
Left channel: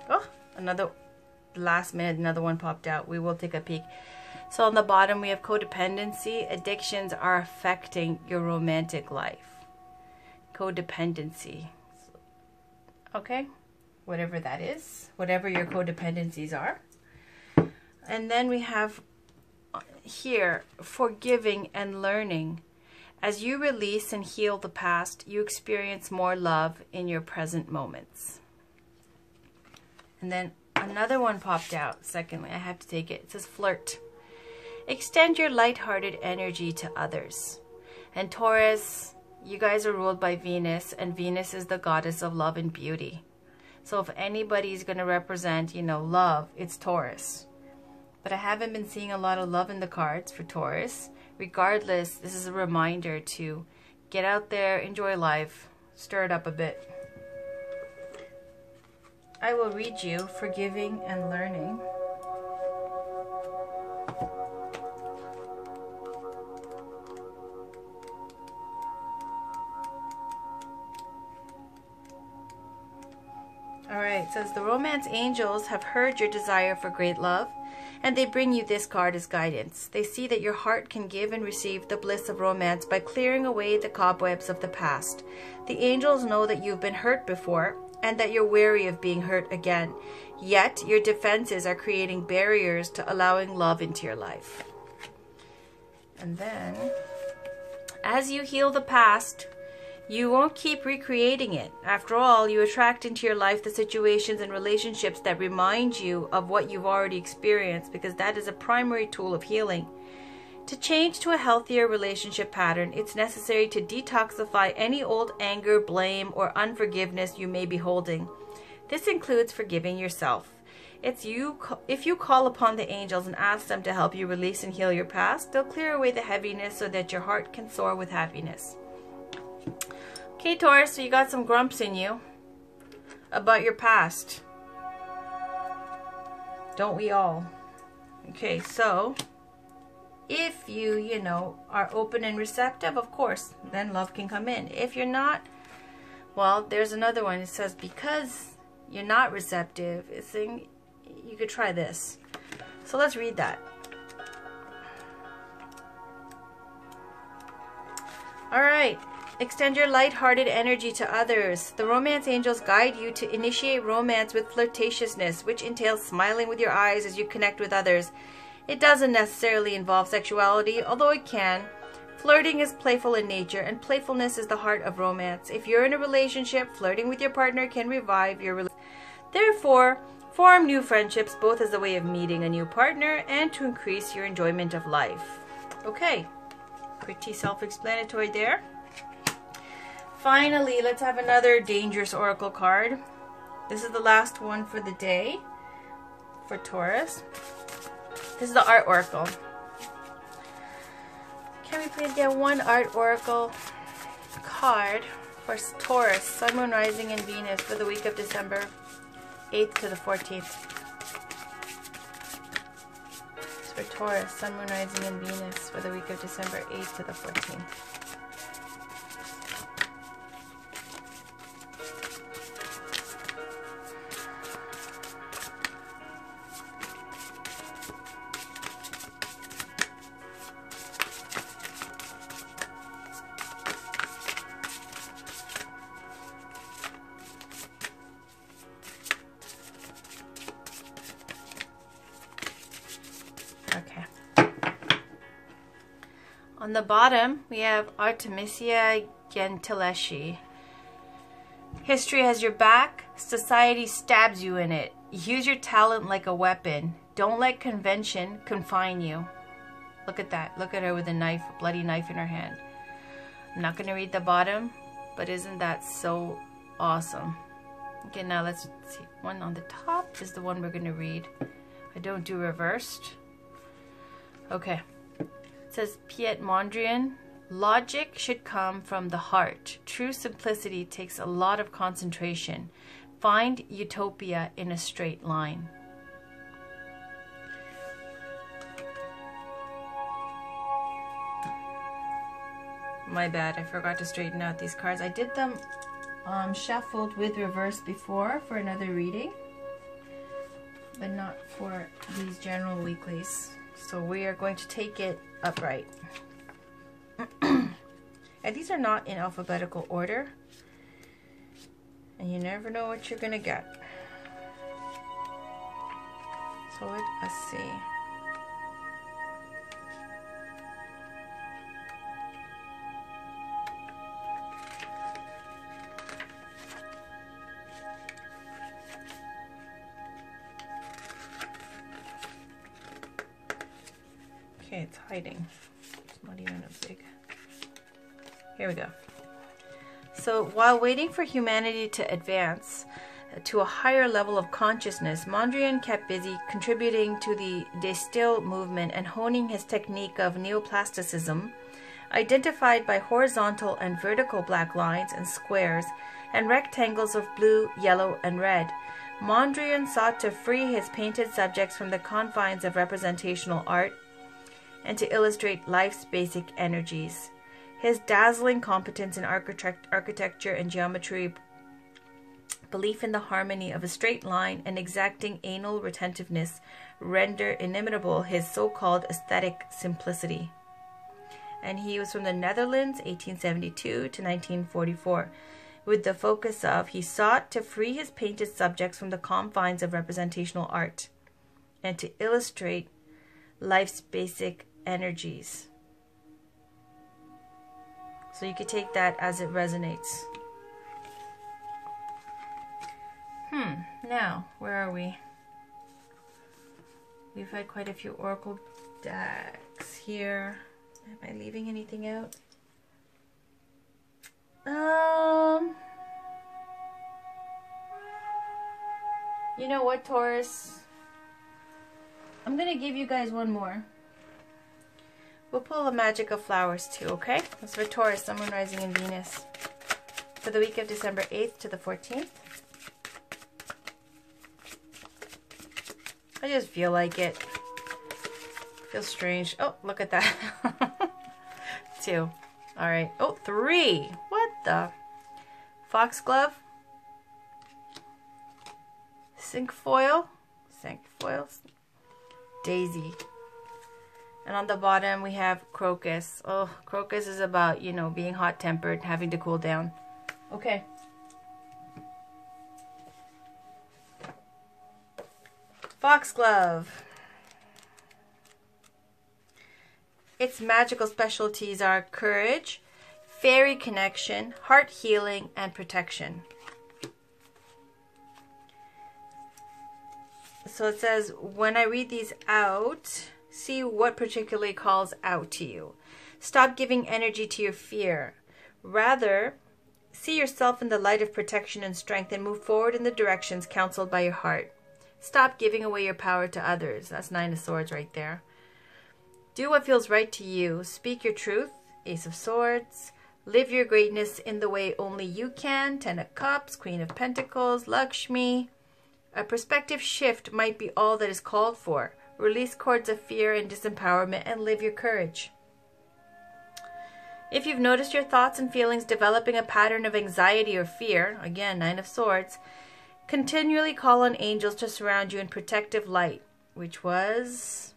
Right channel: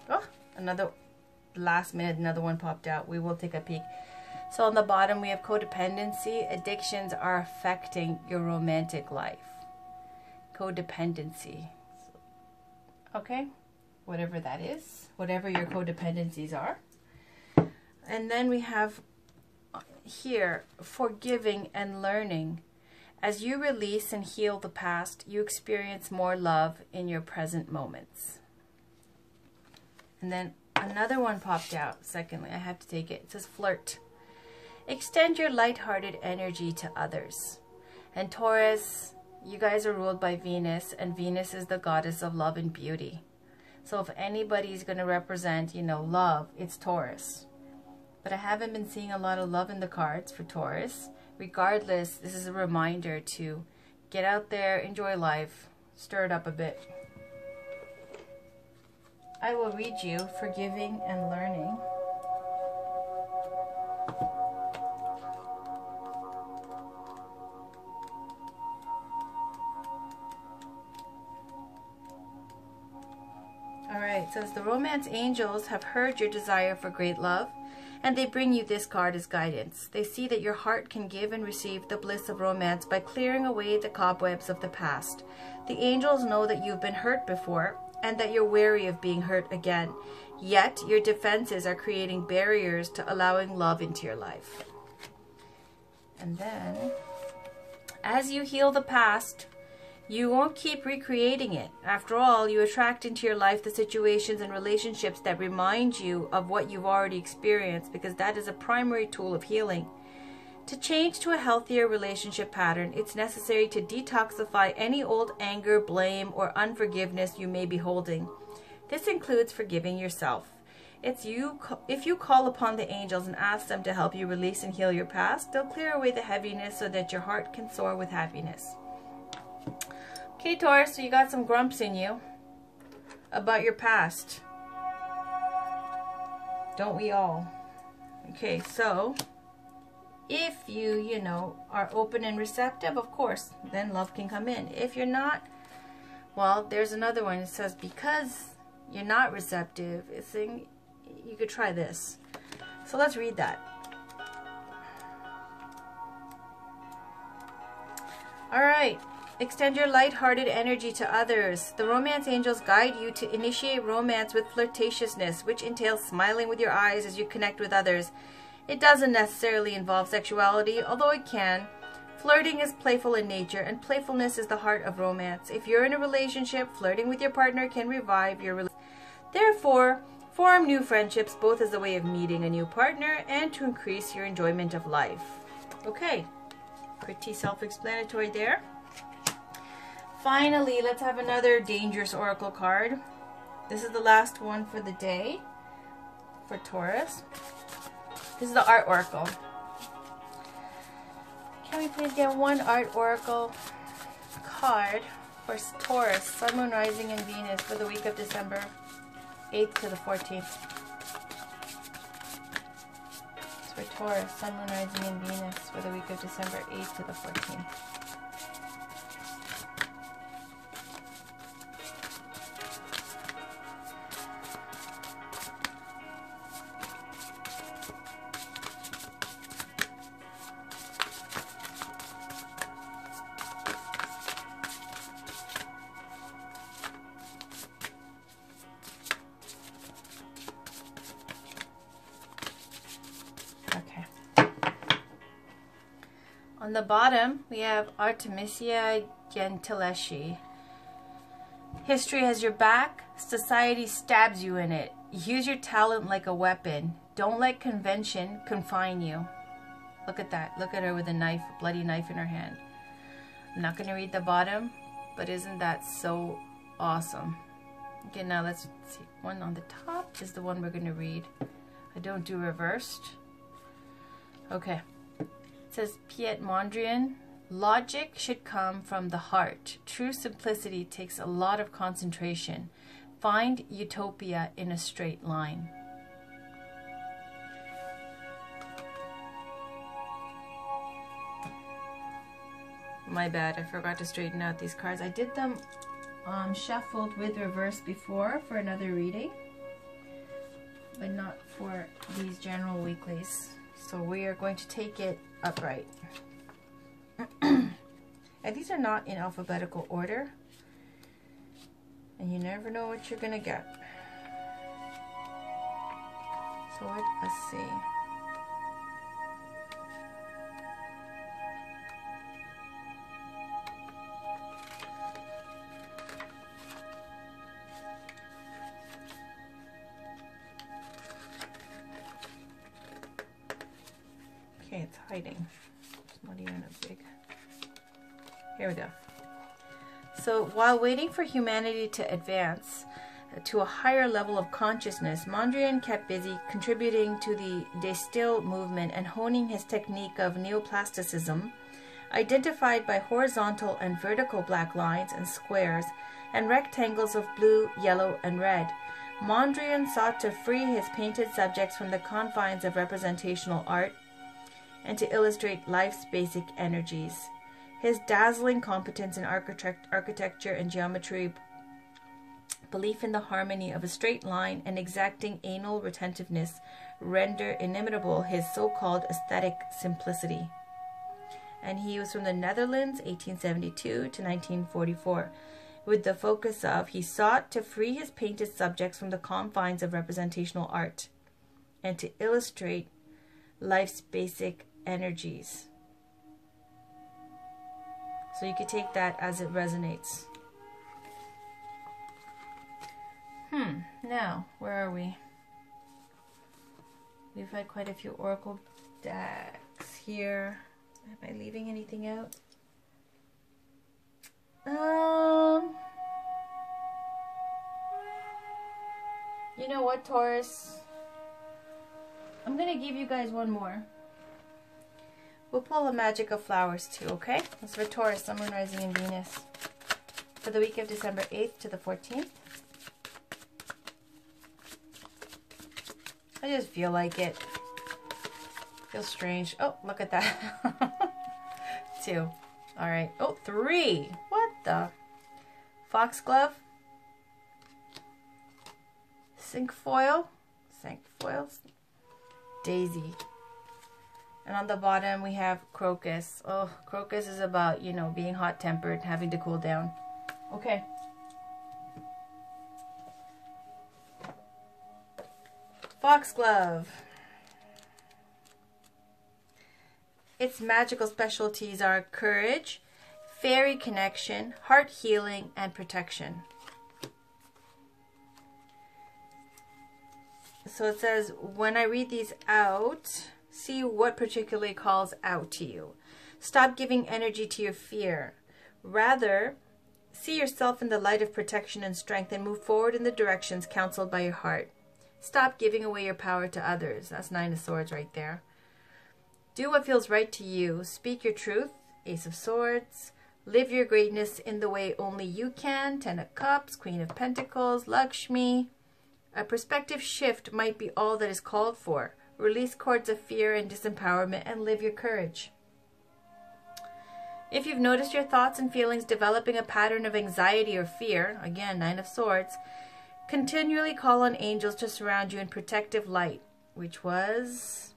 Oh, another last minute, another one popped out. We will take a peek. So on the bottom we have codependency. Addictions are affecting your romantic life. Codependency. Okay, whatever that is, whatever your codependencies are. And then we have here, forgiving and learning. As you release and heal the past, you experience more love in your present moments. And then another one popped out. Secondly, I have to take it. It says flirt. Extend your lighthearted energy to others. And Taurus, you guys are ruled by Venus, and Venus is the goddess of love and beauty. So if anybody's going to represent, you know, love, it's Taurus. But I haven't been seeing a lot of love in the cards for Taurus. Regardless, this is a reminder to get out there, enjoy life, stir it up a bit. I will read you forgiving and learning. Alright, it says the romance angels have heard your desire for great love, and they bring you this card as guidance. They see that your heart can give and receive the bliss of romance by clearing away the cobwebs of the past. The angels know that you've been hurt before and that you're wary of being hurt again. Yet, your defenses are creating barriers to allowing love into your life. And then, as you heal the past, you won't keep recreating it. After all, you attract into your life the situations and relationships that remind you of what you've already experienced, because that is a primary tool of healing. To change to a healthier relationship pattern, it's necessary to detoxify any old anger, blame, or unforgiveness you may be holding. This includes forgiving yourself. If you call upon the angels and ask them to help you release and heal your past, they'll clear away the heaviness so that your heart can soar with happiness. Okay, Taurus, so you got some grumps in you about your past. Don't we all? Okay, so if you know, are open and receptive, of course, then love can come in. If you're not, well, there's another one. It says because you're not receptive, it's saying you could try this. So let's read that. All right. Extend your light-hearted energy to others. The romance angels guide you to initiate romance with flirtatiousness, which entails smiling with your eyes as you connect with others. It doesn't necessarily involve sexuality, although it can. Flirting is playful in nature, and playfulness is the heart of romance. If you're in a relationship, flirting with your partner can revive your relationship. Therefore, form new friendships both as a way of meeting a new partner and to increase your enjoyment of life. Okay, pretty self-explanatory there. Finally, let's have another dangerous oracle card. This is the last one for the day for Taurus. This is the art oracle. Can we please get one art oracle card for Taurus, Sun, Moon, Rising, and Venus for the week of December 8th to the 14th? It's for Taurus, Sun, Moon, Rising, and Venus for the week of December 8th to the 14th. On the bottom, we have Artemisia Gentileschi. History has your back. Society stabs you in it. Use your talent like a weapon. Don't let convention confine you. Look at that. Look at her with a knife, a bloody knife in her hand. I'm not going to read the bottom, but isn't that so awesome? Okay, now let's see. One on the top is the one we're going to read. I don't do reversed. Okay. It says Piet Mondrian, logic should come from the heart. True simplicity takes a lot of concentration. Find utopia in a straight line. My bad, I forgot to straighten out these cards. I did them shuffled with reverse before for another reading, but not for these general weeklies. So we are going to take it upright. And these are not in alphabetical order, and you never know what you're gonna get. So let's see. hiding? It's not even as big. Here we go. So while waiting for humanity to advance to a higher level of consciousness, Mondrian kept busy contributing to the De Stijl movement and honing his technique of neoplasticism, identified by horizontal and vertical black lines and squares and rectangles of blue, yellow, and red. Mondrian sought to free his painted subjects from the confines of representational art and to illustrate life's basic energies. His dazzling competence in architecture and geometry, belief in the harmony of a straight line, and exacting anal retentiveness render inimitable his so-called aesthetic simplicity. And he was from the Netherlands, 1872 to 1944. With the focus of, he sought to free his painted subjects from the confines of representational art and to illustrate life's basic energies. So you could take that as it resonates. Now, where are we? We've had quite a few oracle decks here. Am I leaving anything out? You know what, Taurus? I'm gonna give you guys one more. We'll pull a Magic of Flowers too, okay? That's for Taurus, Sun, Moon, Rising, and Venus. For the week of December 8th to the 14th. I just feel like it. Feels strange. Oh, look at that. 2. Alright. Oh, 3. What the? Foxglove. Cinquefoil. Daisy. And on the bottom we have Crocus. Oh, Crocus is about, you know, being hot-tempered, having to cool down. Okay. Foxglove. Its magical specialties are courage, fairy connection, heart healing, and protection. So it says, when I read these out, see what particularly calls out to you. Stop giving energy to your fear. Rather, see yourself in the light of protection and strength and move forward in the directions counseled by your heart. Stop giving away your power to others. That's 9 of Swords right there. Do what feels right to you. Speak your truth. Ace of Swords. Live your greatness in the way only you can. 10 of Cups. Queen of Pentacles. Lakshmi. A perspective shift might be all that is called for. Release cords of fear and disempowerment and live your courage. If you've noticed your thoughts and feelings developing a pattern of anxiety or fear, again, 9 of Swords, continually call on angels to surround you in protective light, which was,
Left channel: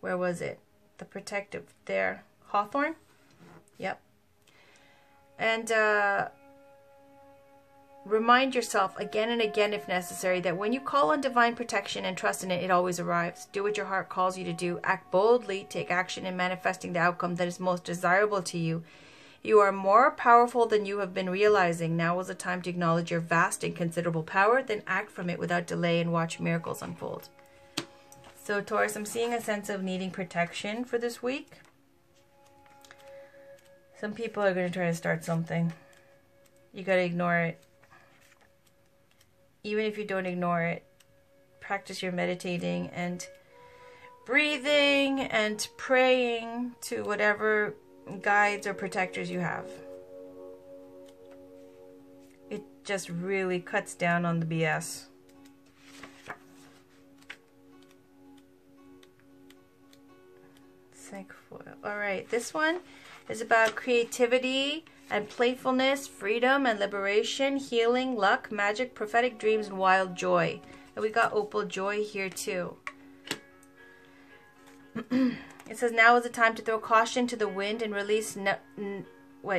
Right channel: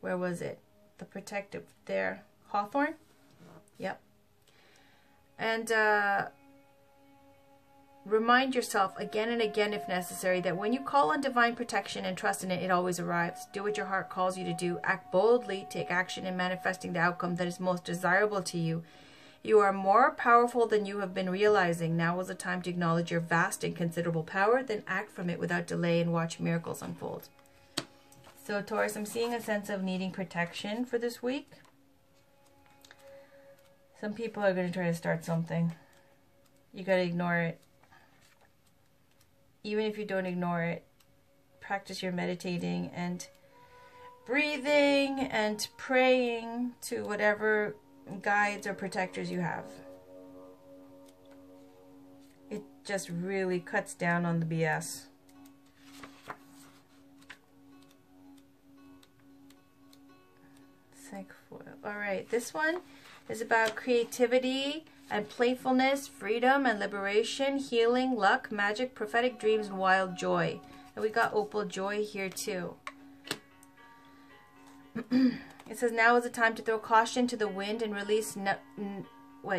where was it? The protective there. Hawthorn? Yep. And remind yourself again and again, if necessary, that when you call on divine protection and trust in it, it always arrives. Do what your heart calls you to do. Act boldly. Take action in manifesting the outcome that is most desirable to you. You are more powerful than you have been realizing. Now is the time to acknowledge your vast and considerable power, then act from it without delay and watch miracles unfold. So Taurus, I'm seeing a sense of needing protection for this week. Some people are going to try to start something. You got to ignore it. Even if you don't ignore it, practice your meditating and breathing and praying to whatever guides or protectors you have. It just really cuts down on the BS. Alright, this one is about creativity and playfulness, freedom and liberation, healing, luck, magic, prophetic dreams, and wild joy. And we got opal joy here too. It says, now is the time to throw caution to the wind and release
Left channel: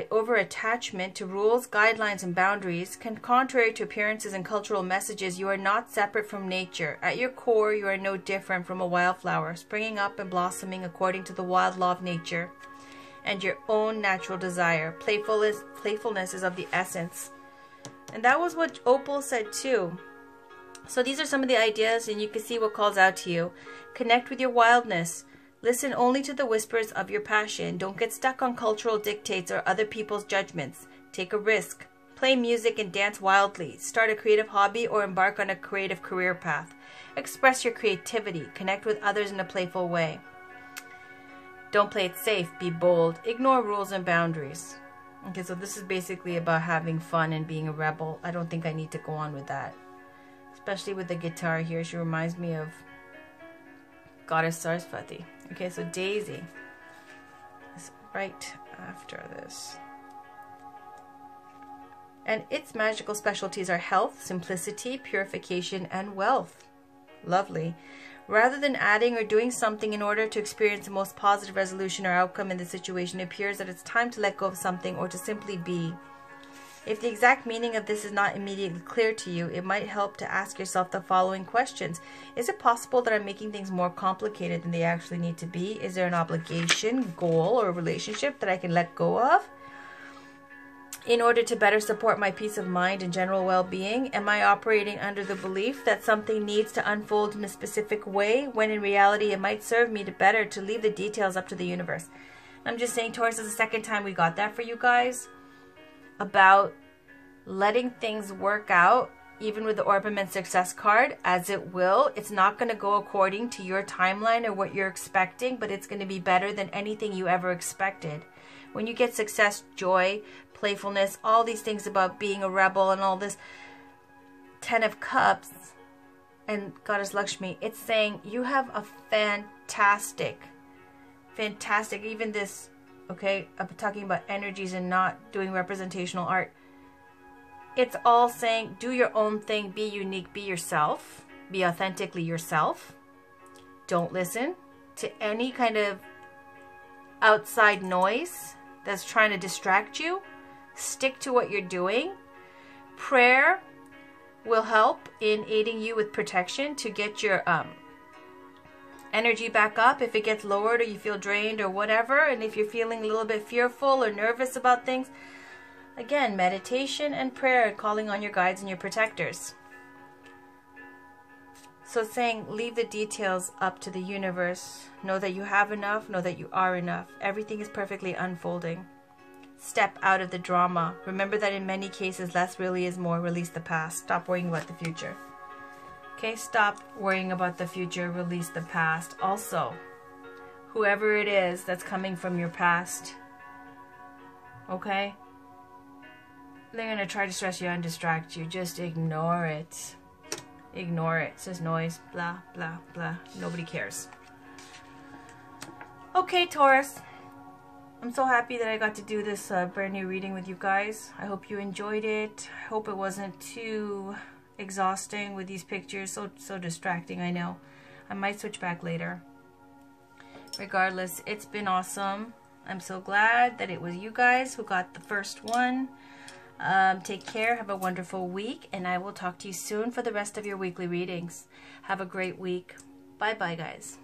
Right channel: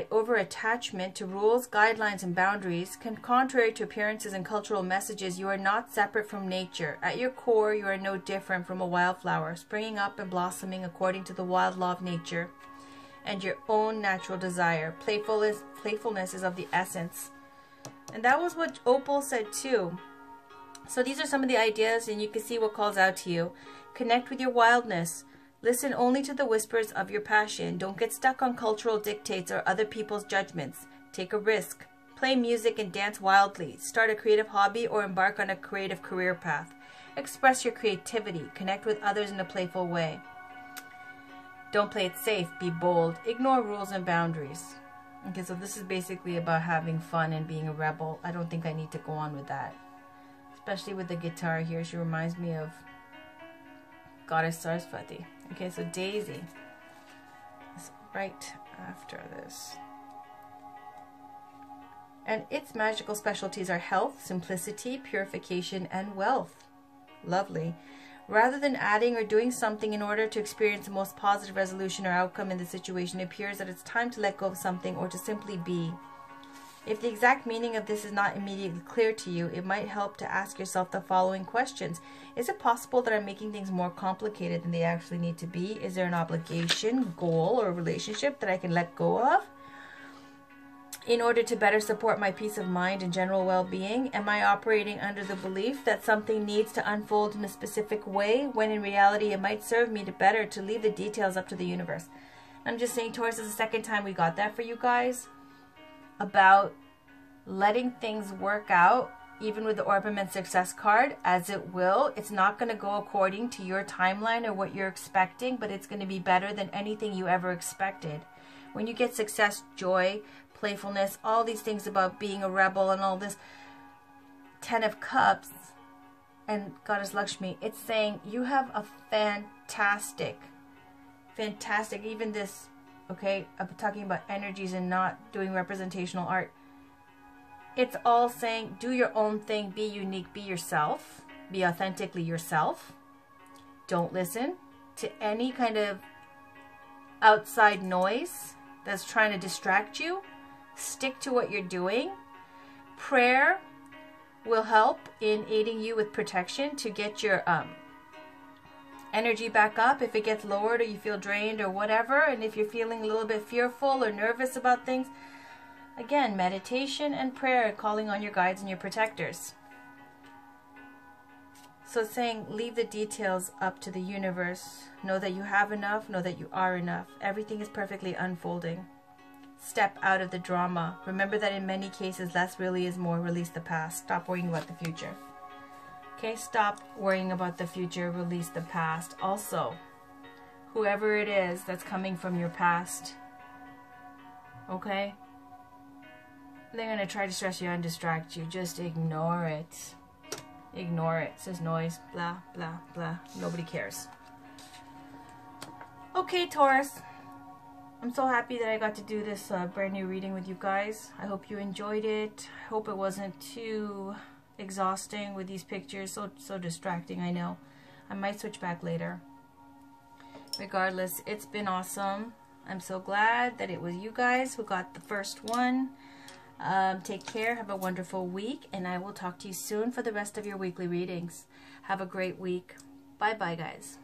over attachment to rules, guidelines, and boundaries. Contrary to appearances and cultural messages, you are not separate from nature. At your core, you are no different from a wildflower, springing up and blossoming according to the wild law of nature and your own natural desire. Playfulness is of the essence. And that was what Opal said too. So these are some of the ideas, and you can see what calls out to you. Connect with your wildness. Listen only to the whispers of your passion. Don't get stuck on cultural dictates or other people's judgments. Take a risk. Play music and dance wildly. Start a creative hobby or embark on a creative career path. Express your creativity. Connect with others in a playful way. Don't play it safe. Be bold. Ignore rules and boundaries. Okay, so this is basically about having fun and being a rebel. I don't think I need to go on with that. Especially with the guitar here. She reminds me of Goddess Saraswati. Okay, so Daisy is right after this. And its magical specialties are health, simplicity, purification, and wealth. Lovely. Rather than adding or doing something in order to experience the most positive resolution or outcome in the situation, it appears that it's time to let go of something or to simply be. If the exact meaning of this is not immediately clear to you, it might help to ask yourself the following questions. Is it possible that I'm making things more complicated than they actually need to be? Is there an obligation, goal, or relationship that I can let go of in order to better support my peace of mind and general well-being? Am I operating under the belief that something needs to unfold in a specific way when in reality it might serve me to leave the details up to the universe? I'm just saying, Taurus, is the second time we got that for you guys about letting things work out, even with the ORPIMENT success card, as it will. It's not going to go according to your timeline or what you're expecting, but it's going to be better than anything you ever expected. When you get success, joy, playfulness, all these things about being a rebel and all this, 10 of Cups and Goddess Lakshmi, it's saying you have a fantastic, even this, okay, I'm talking about energies and not doing representational art. It's all saying do your own thing, be unique, be yourself, be authentically yourself. Don't listen to any kind of outside noise that's trying to distract you. Stick to what you're doing. Prayer will help in aiding you with protection to get your energy back up if it gets lowered or you feel drained or whatever. And if you're feeling a little bit fearful or nervous about things, again, meditation and prayer, calling on your guides and your protectors. So it's saying leave the details up to the universe. Know that you have enough. Know that you are enough. Everything is perfectly unfolding. Step out of the drama. Remember that in many cases, less really is more. Release the past. Stop worrying about the future. Okay, stop worrying about the future. Release the past. Also, whoever it is that's coming from your past, okay, they're going to try to stress you out and distract you. Just ignore it. Ignore it. It's just noise. Blah, blah, blah. Nobody cares. Okay, Taurus. I'm so happy that I got to do this brand new reading with you guys. I hope you enjoyed it. I hope it wasn't too exhausting with these pictures. So distracting, I know. I might switch back later. Regardless, it's been awesome. I'm so glad that it was you guys who got the first one. Take care. Have a wonderful week. And I will talk to you soon for the rest of your weekly readings. Have a great week. Bye-bye, guys.